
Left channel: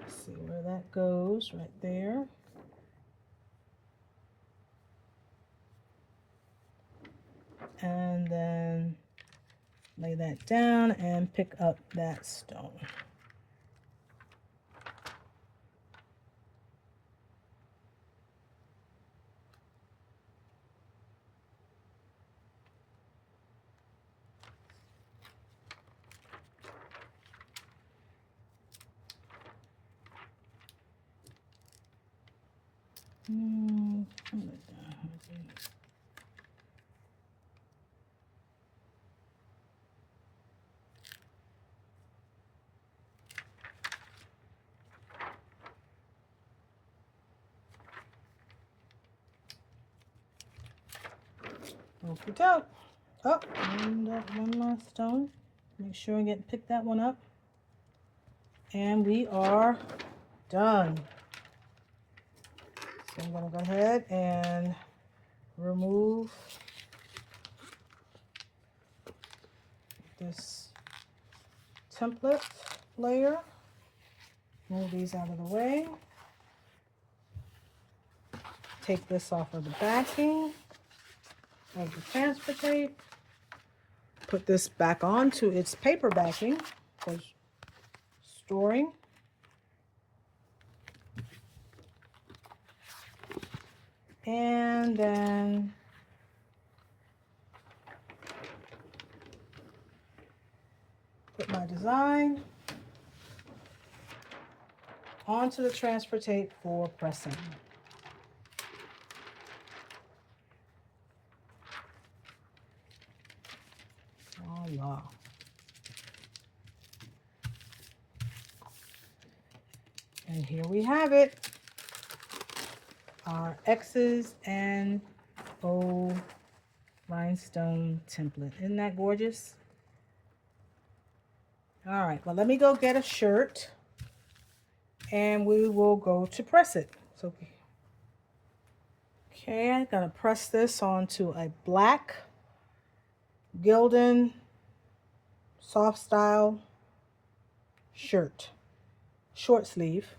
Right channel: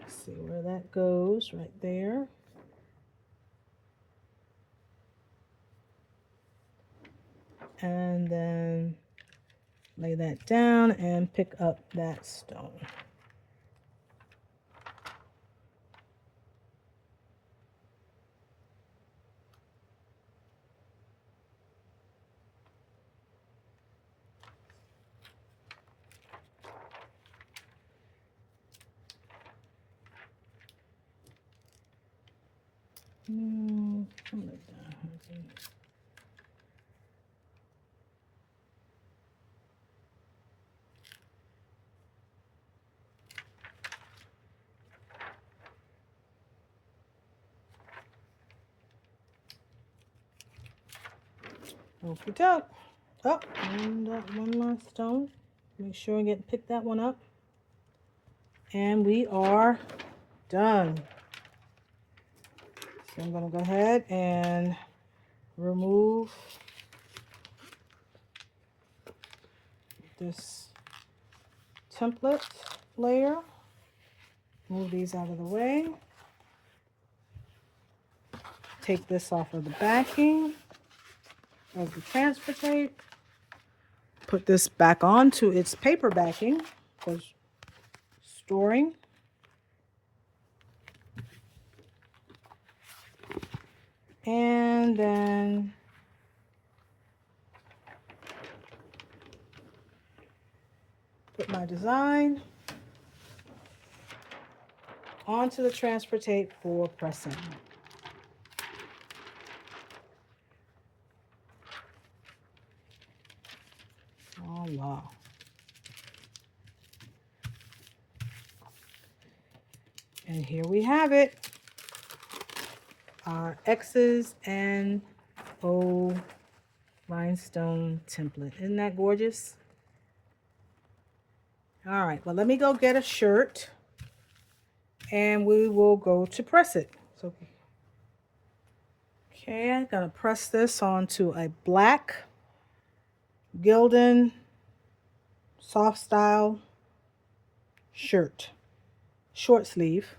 See where that goes, right there. And then lay that down and pick up that stone. Okie doke. Oh, and one last stone. Make sure I pick that one up. And we are done. So I'm going to go ahead and remove this template layer. Move these out of the way. Take this off of the backing of the transfer tape. Put this back onto its paper backing for storing. And then put my design onto the transfer tape for pressing. Voila. And here we have it. Our X's and O rhinestone template. Isn't that gorgeous? All right, well, let me go get a shirt and we will go to press it. So, okay, I'm gonna press this onto a black Gildan soft style shirt, short sleeve.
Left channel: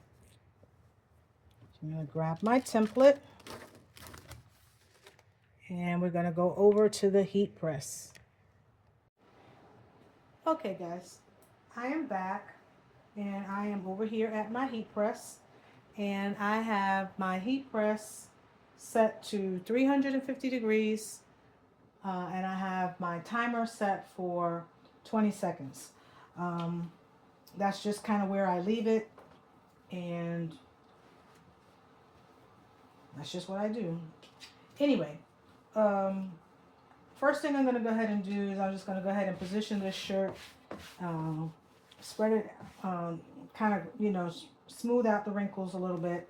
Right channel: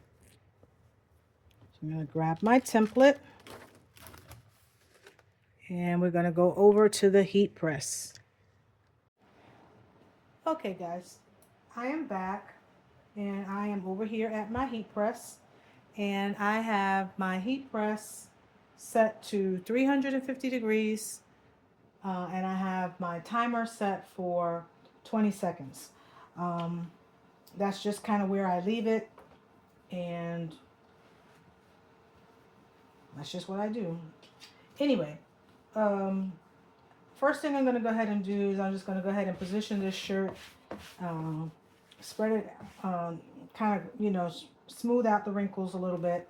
I'm going to grab my template and we're going to go over to the heat press. Okay guys, I am back and I am over here at my heat press, and I have my heat press set to 350 degrees, and I have my timer set for 20 seconds. Um, that's just kind of where I leave it, and that's just what I do. Anyway, um, first thing I'm going to go ahead and do is I'm just going to go ahead and position this shirt, um, spread it, kind of, smooth out the wrinkles a little bit.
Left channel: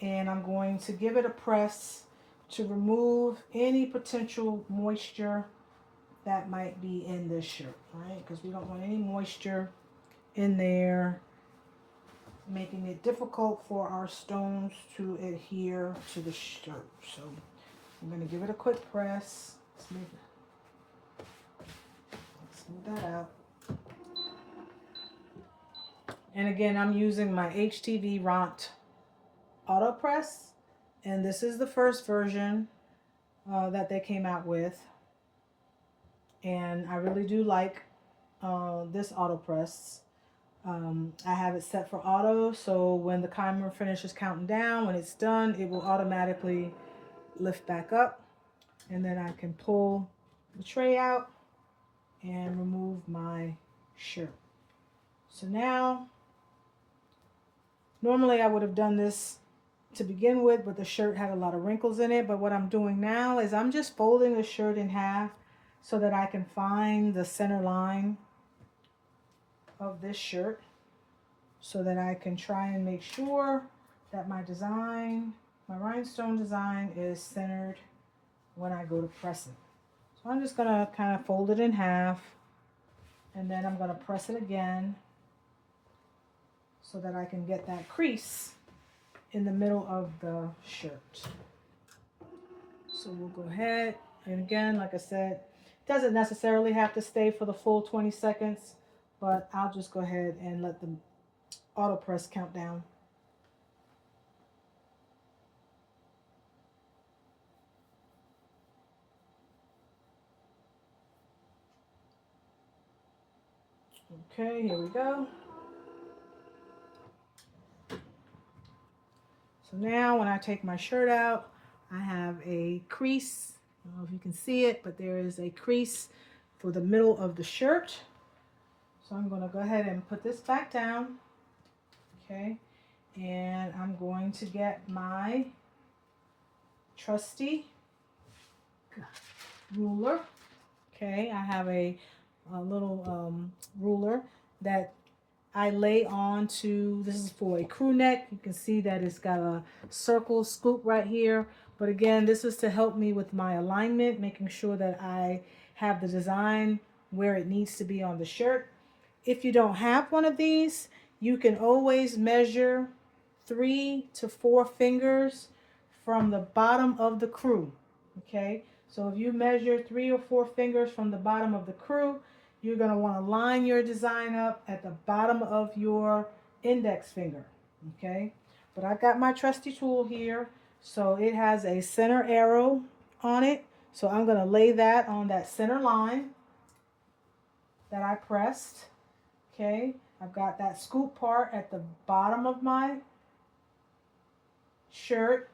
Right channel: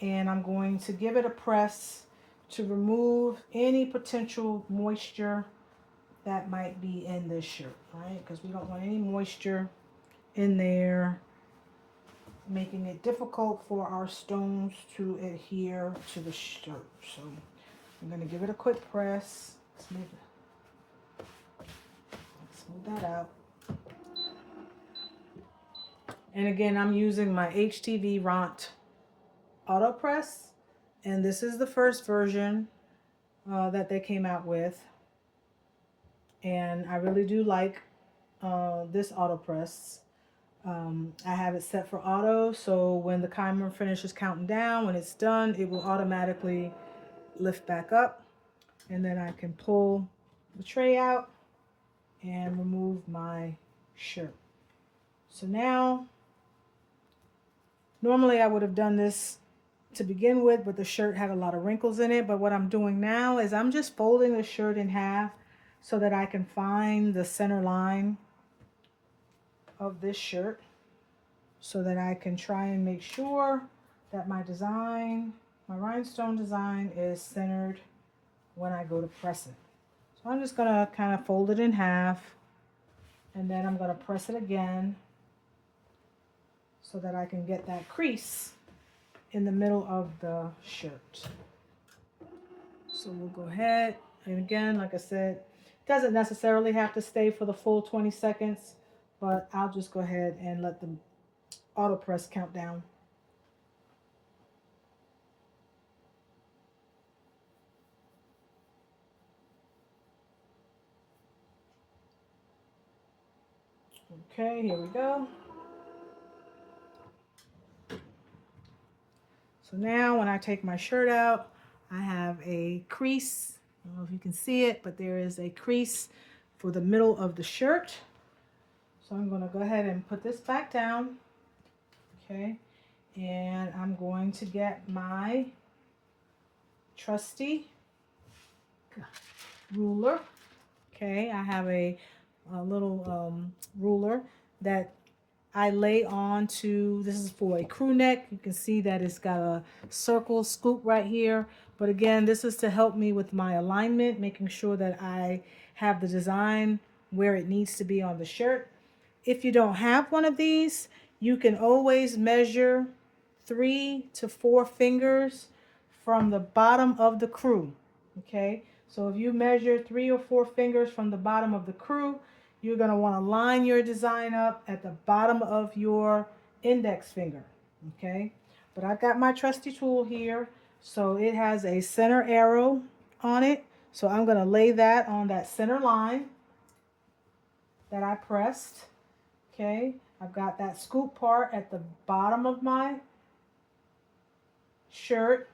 And I'm going to give it a press to remove any potential moisture that might be in this shirt, right? Because we don't want any moisture in there, making it difficult for our stones to adhere to the shirt. So I'm going to give it a quick press. Smooth that out. And again, I'm using my HTV Ront Auto Press, and this is the first version that they came out with, and I really do like this auto press. I have it set for auto, so when the timer finishes counting down, when it's done, it will automatically lift back up, and then I can pull the tray out and remove my shirt. So now, normally I would have done this to begin with, but the shirt had a lot of wrinkles in it. But what I'm doing now is I'm just folding the shirt in half so that I can find the center line of this shirt, so that I can try and make sure that my design, my rhinestone design, is centered when I go to press it. So I'm just gonna kind of fold it in half, and then I'm gonna press it again so that I can get that crease in the middle of the shirt. So we'll go ahead, and again, like I said, it doesn't necessarily have to stay for the full 20 seconds, but I'll just go ahead and let the auto press count down. Okay, here we go. So now when I take my shirt out, I have a crease. I don't know if you can see it, but there is a crease for the middle of the shirt. So I'm going to go ahead and put this back down. Okay, and I'm going to get my trusty ruler. Okay, I have a little ruler that I lay on to. This is for a crew neck. You can see that it's got a circle scoop right here. But again, this is to help me with my alignment, making sure that I have the design where it needs to be on the shirt. If you don't have one of these, you can always measure 3 to 4 fingers from the bottom of the crew. Okay, so if you measure 3 or 4 fingers from the bottom of the crew, you're going to want to line your design up at the bottom of your index finger. Okay, but I've got my trusty tool here, so it has a center arrow on it. So I'm going to lay that on that center line that I pressed. Okay, I've got that scoop part at the bottom of my shirt.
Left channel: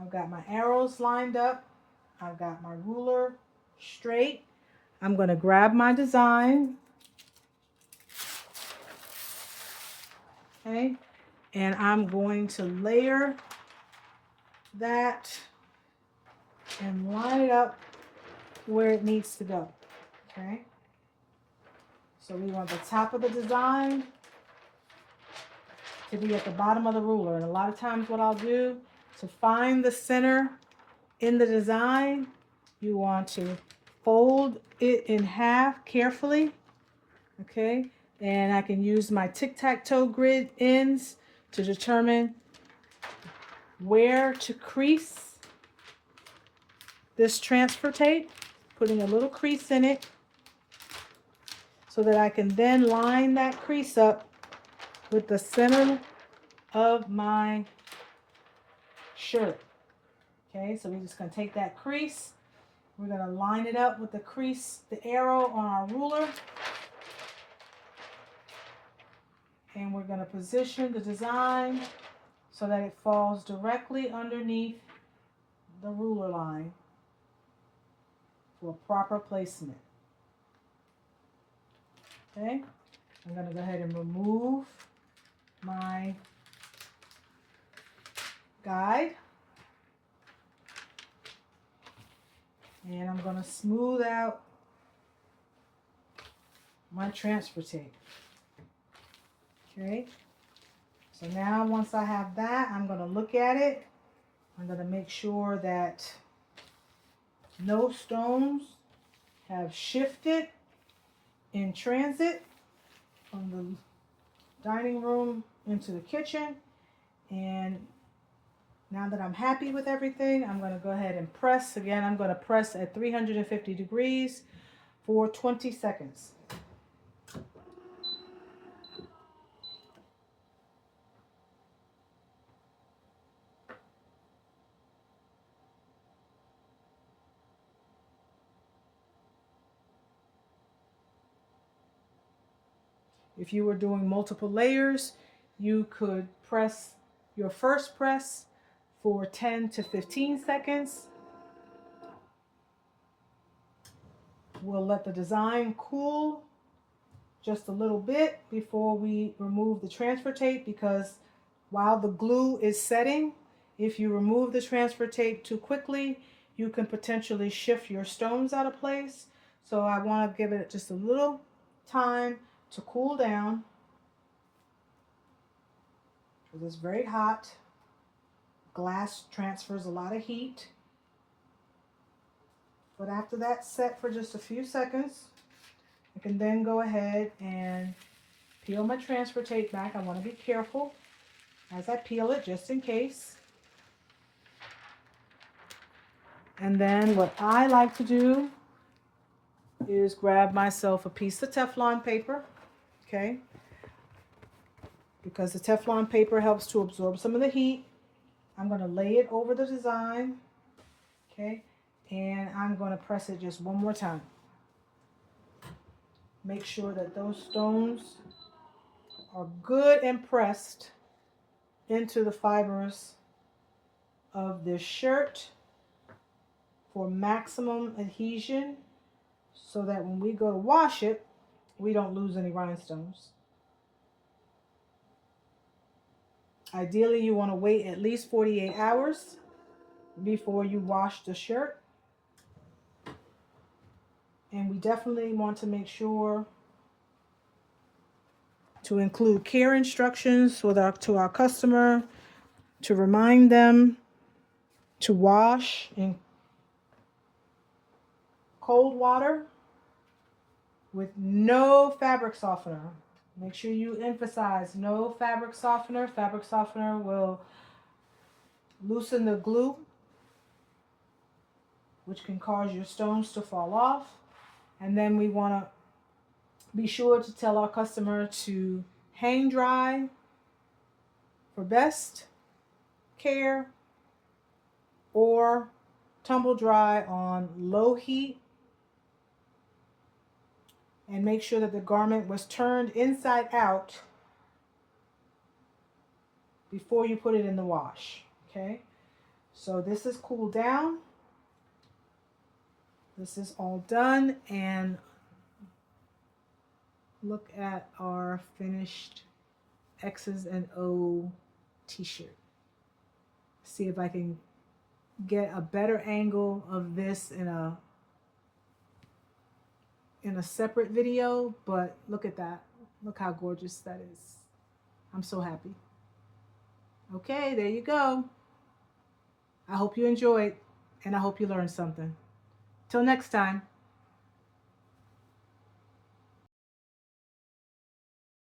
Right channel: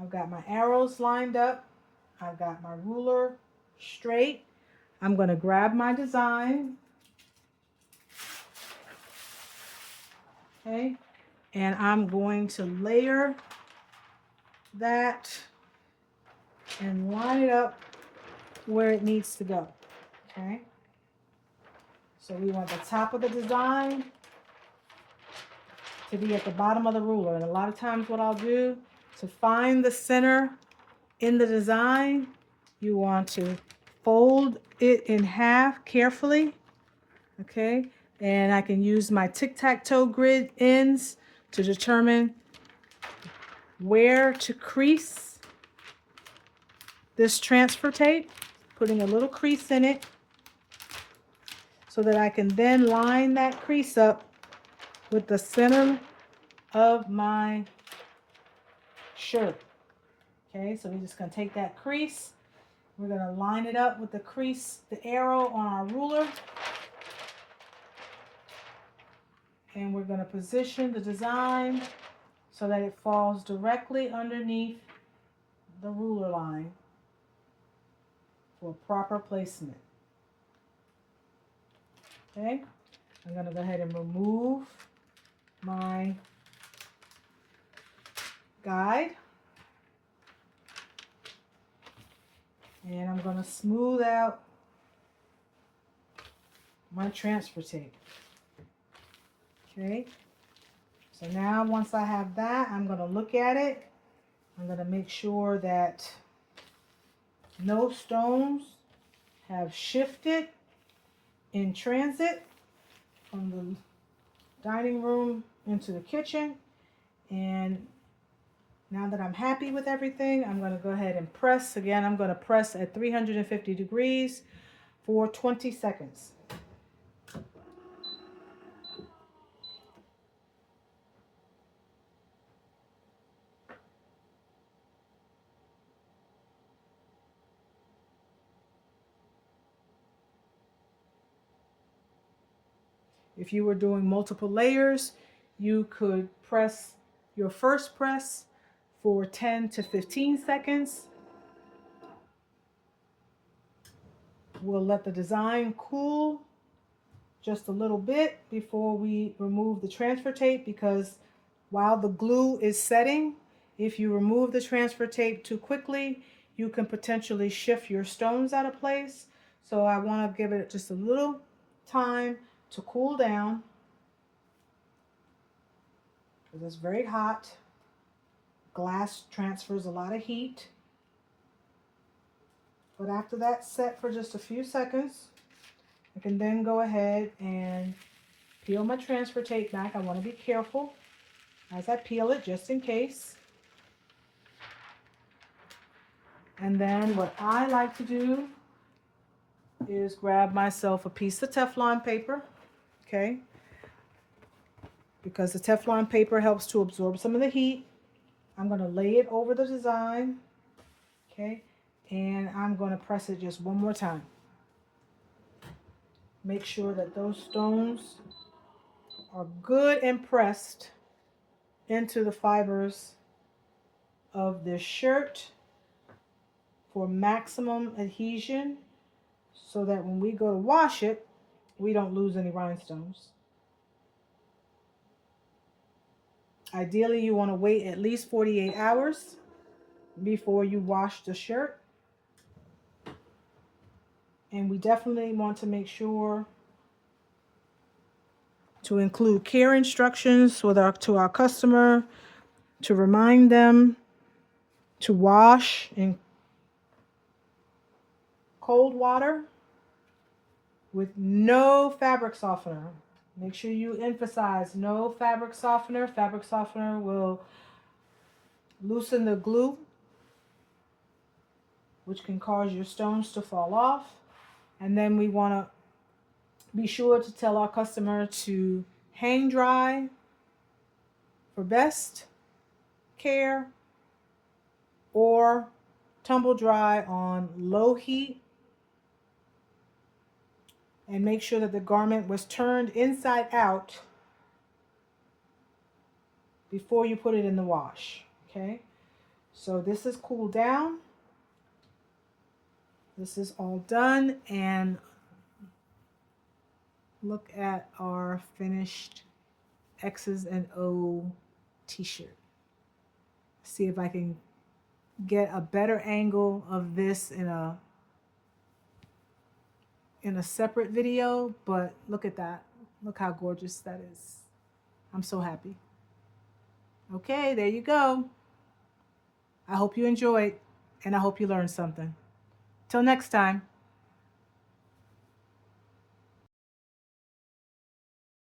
I've got my arrows lined up. I've got my ruler straight. I'm going to grab my design. Okay, and I'm going to layer that and line it up where it needs to go. Okay, so we want the top of the design to be at the bottom of the ruler. And a lot of times what I'll do to find the center in the design, you want to fold it in half carefully. Okay, and I can use my tic-tac-toe grid ends to determine where to crease this transfer tape, putting a little crease in it so that I can then line that crease up with the center of my shirt. Okay, so we're just going to take that crease We're going to line it up with the crease, the arrow on our ruler. And we're going to position the design so that it falls directly underneath the ruler line for proper placement. Okay, I'm going to go ahead and remove my guide. And I'm going to smooth out my transfer tape. Okay, so now once I have that, I'm going to look at it. I'm going to make sure that no stones have shifted in transit from the dining room into the kitchen. And now that I'm happy with everything, I'm going to go ahead and press. Again, I'm going to press at 350 degrees for 20 seconds. If you were doing multiple layers, you could press your first press for 10 to 15 seconds. We'll let the design cool just a little bit before we remove the transfer tape, because while the glue is setting, if you remove the transfer tape too quickly, you can potentially shift your stones out of place. So I want to give it just a little time to cool down, because it's very hot. Glass transfers a lot of heat. But after that's set for just a few seconds, I can then go ahead and peel my transfer tape back. I want to be careful as I peel it, just in case. And then what I like to do is grab myself a piece of Teflon paper, okay? Because the Teflon paper helps to absorb some of the heat. I'm going to lay it over the design, okay? And I'm going to press it just one more time. Make sure that those stones are good and pressed into the fibers of this shirt for maximum adhesion, so that when we go to wash it, we don't lose any rhinestones. Ideally, you want to wait at least 48 hours before you wash the shirt. And we definitely want to make sure to include care instructions to our customer, to remind them to wash in cold water with no fabric softener. Make sure you emphasize no fabric softener. Fabric softener will loosen the glue, which can cause your stones to fall off. And then we want to be sure to tell our customer to hang dry for best care, or tumble dry on low heat. And make sure that the garment was turned inside out before you put it in the wash. Okay, so this is cooled down. This is all done, and look at our finished X's and O t-shirt. See if I can get a better angle of this in a separate video, but look at that. Look how gorgeous that is. I'm so happy. Okay, there you go. I hope you enjoyed, and I hope you learned something. Till next time.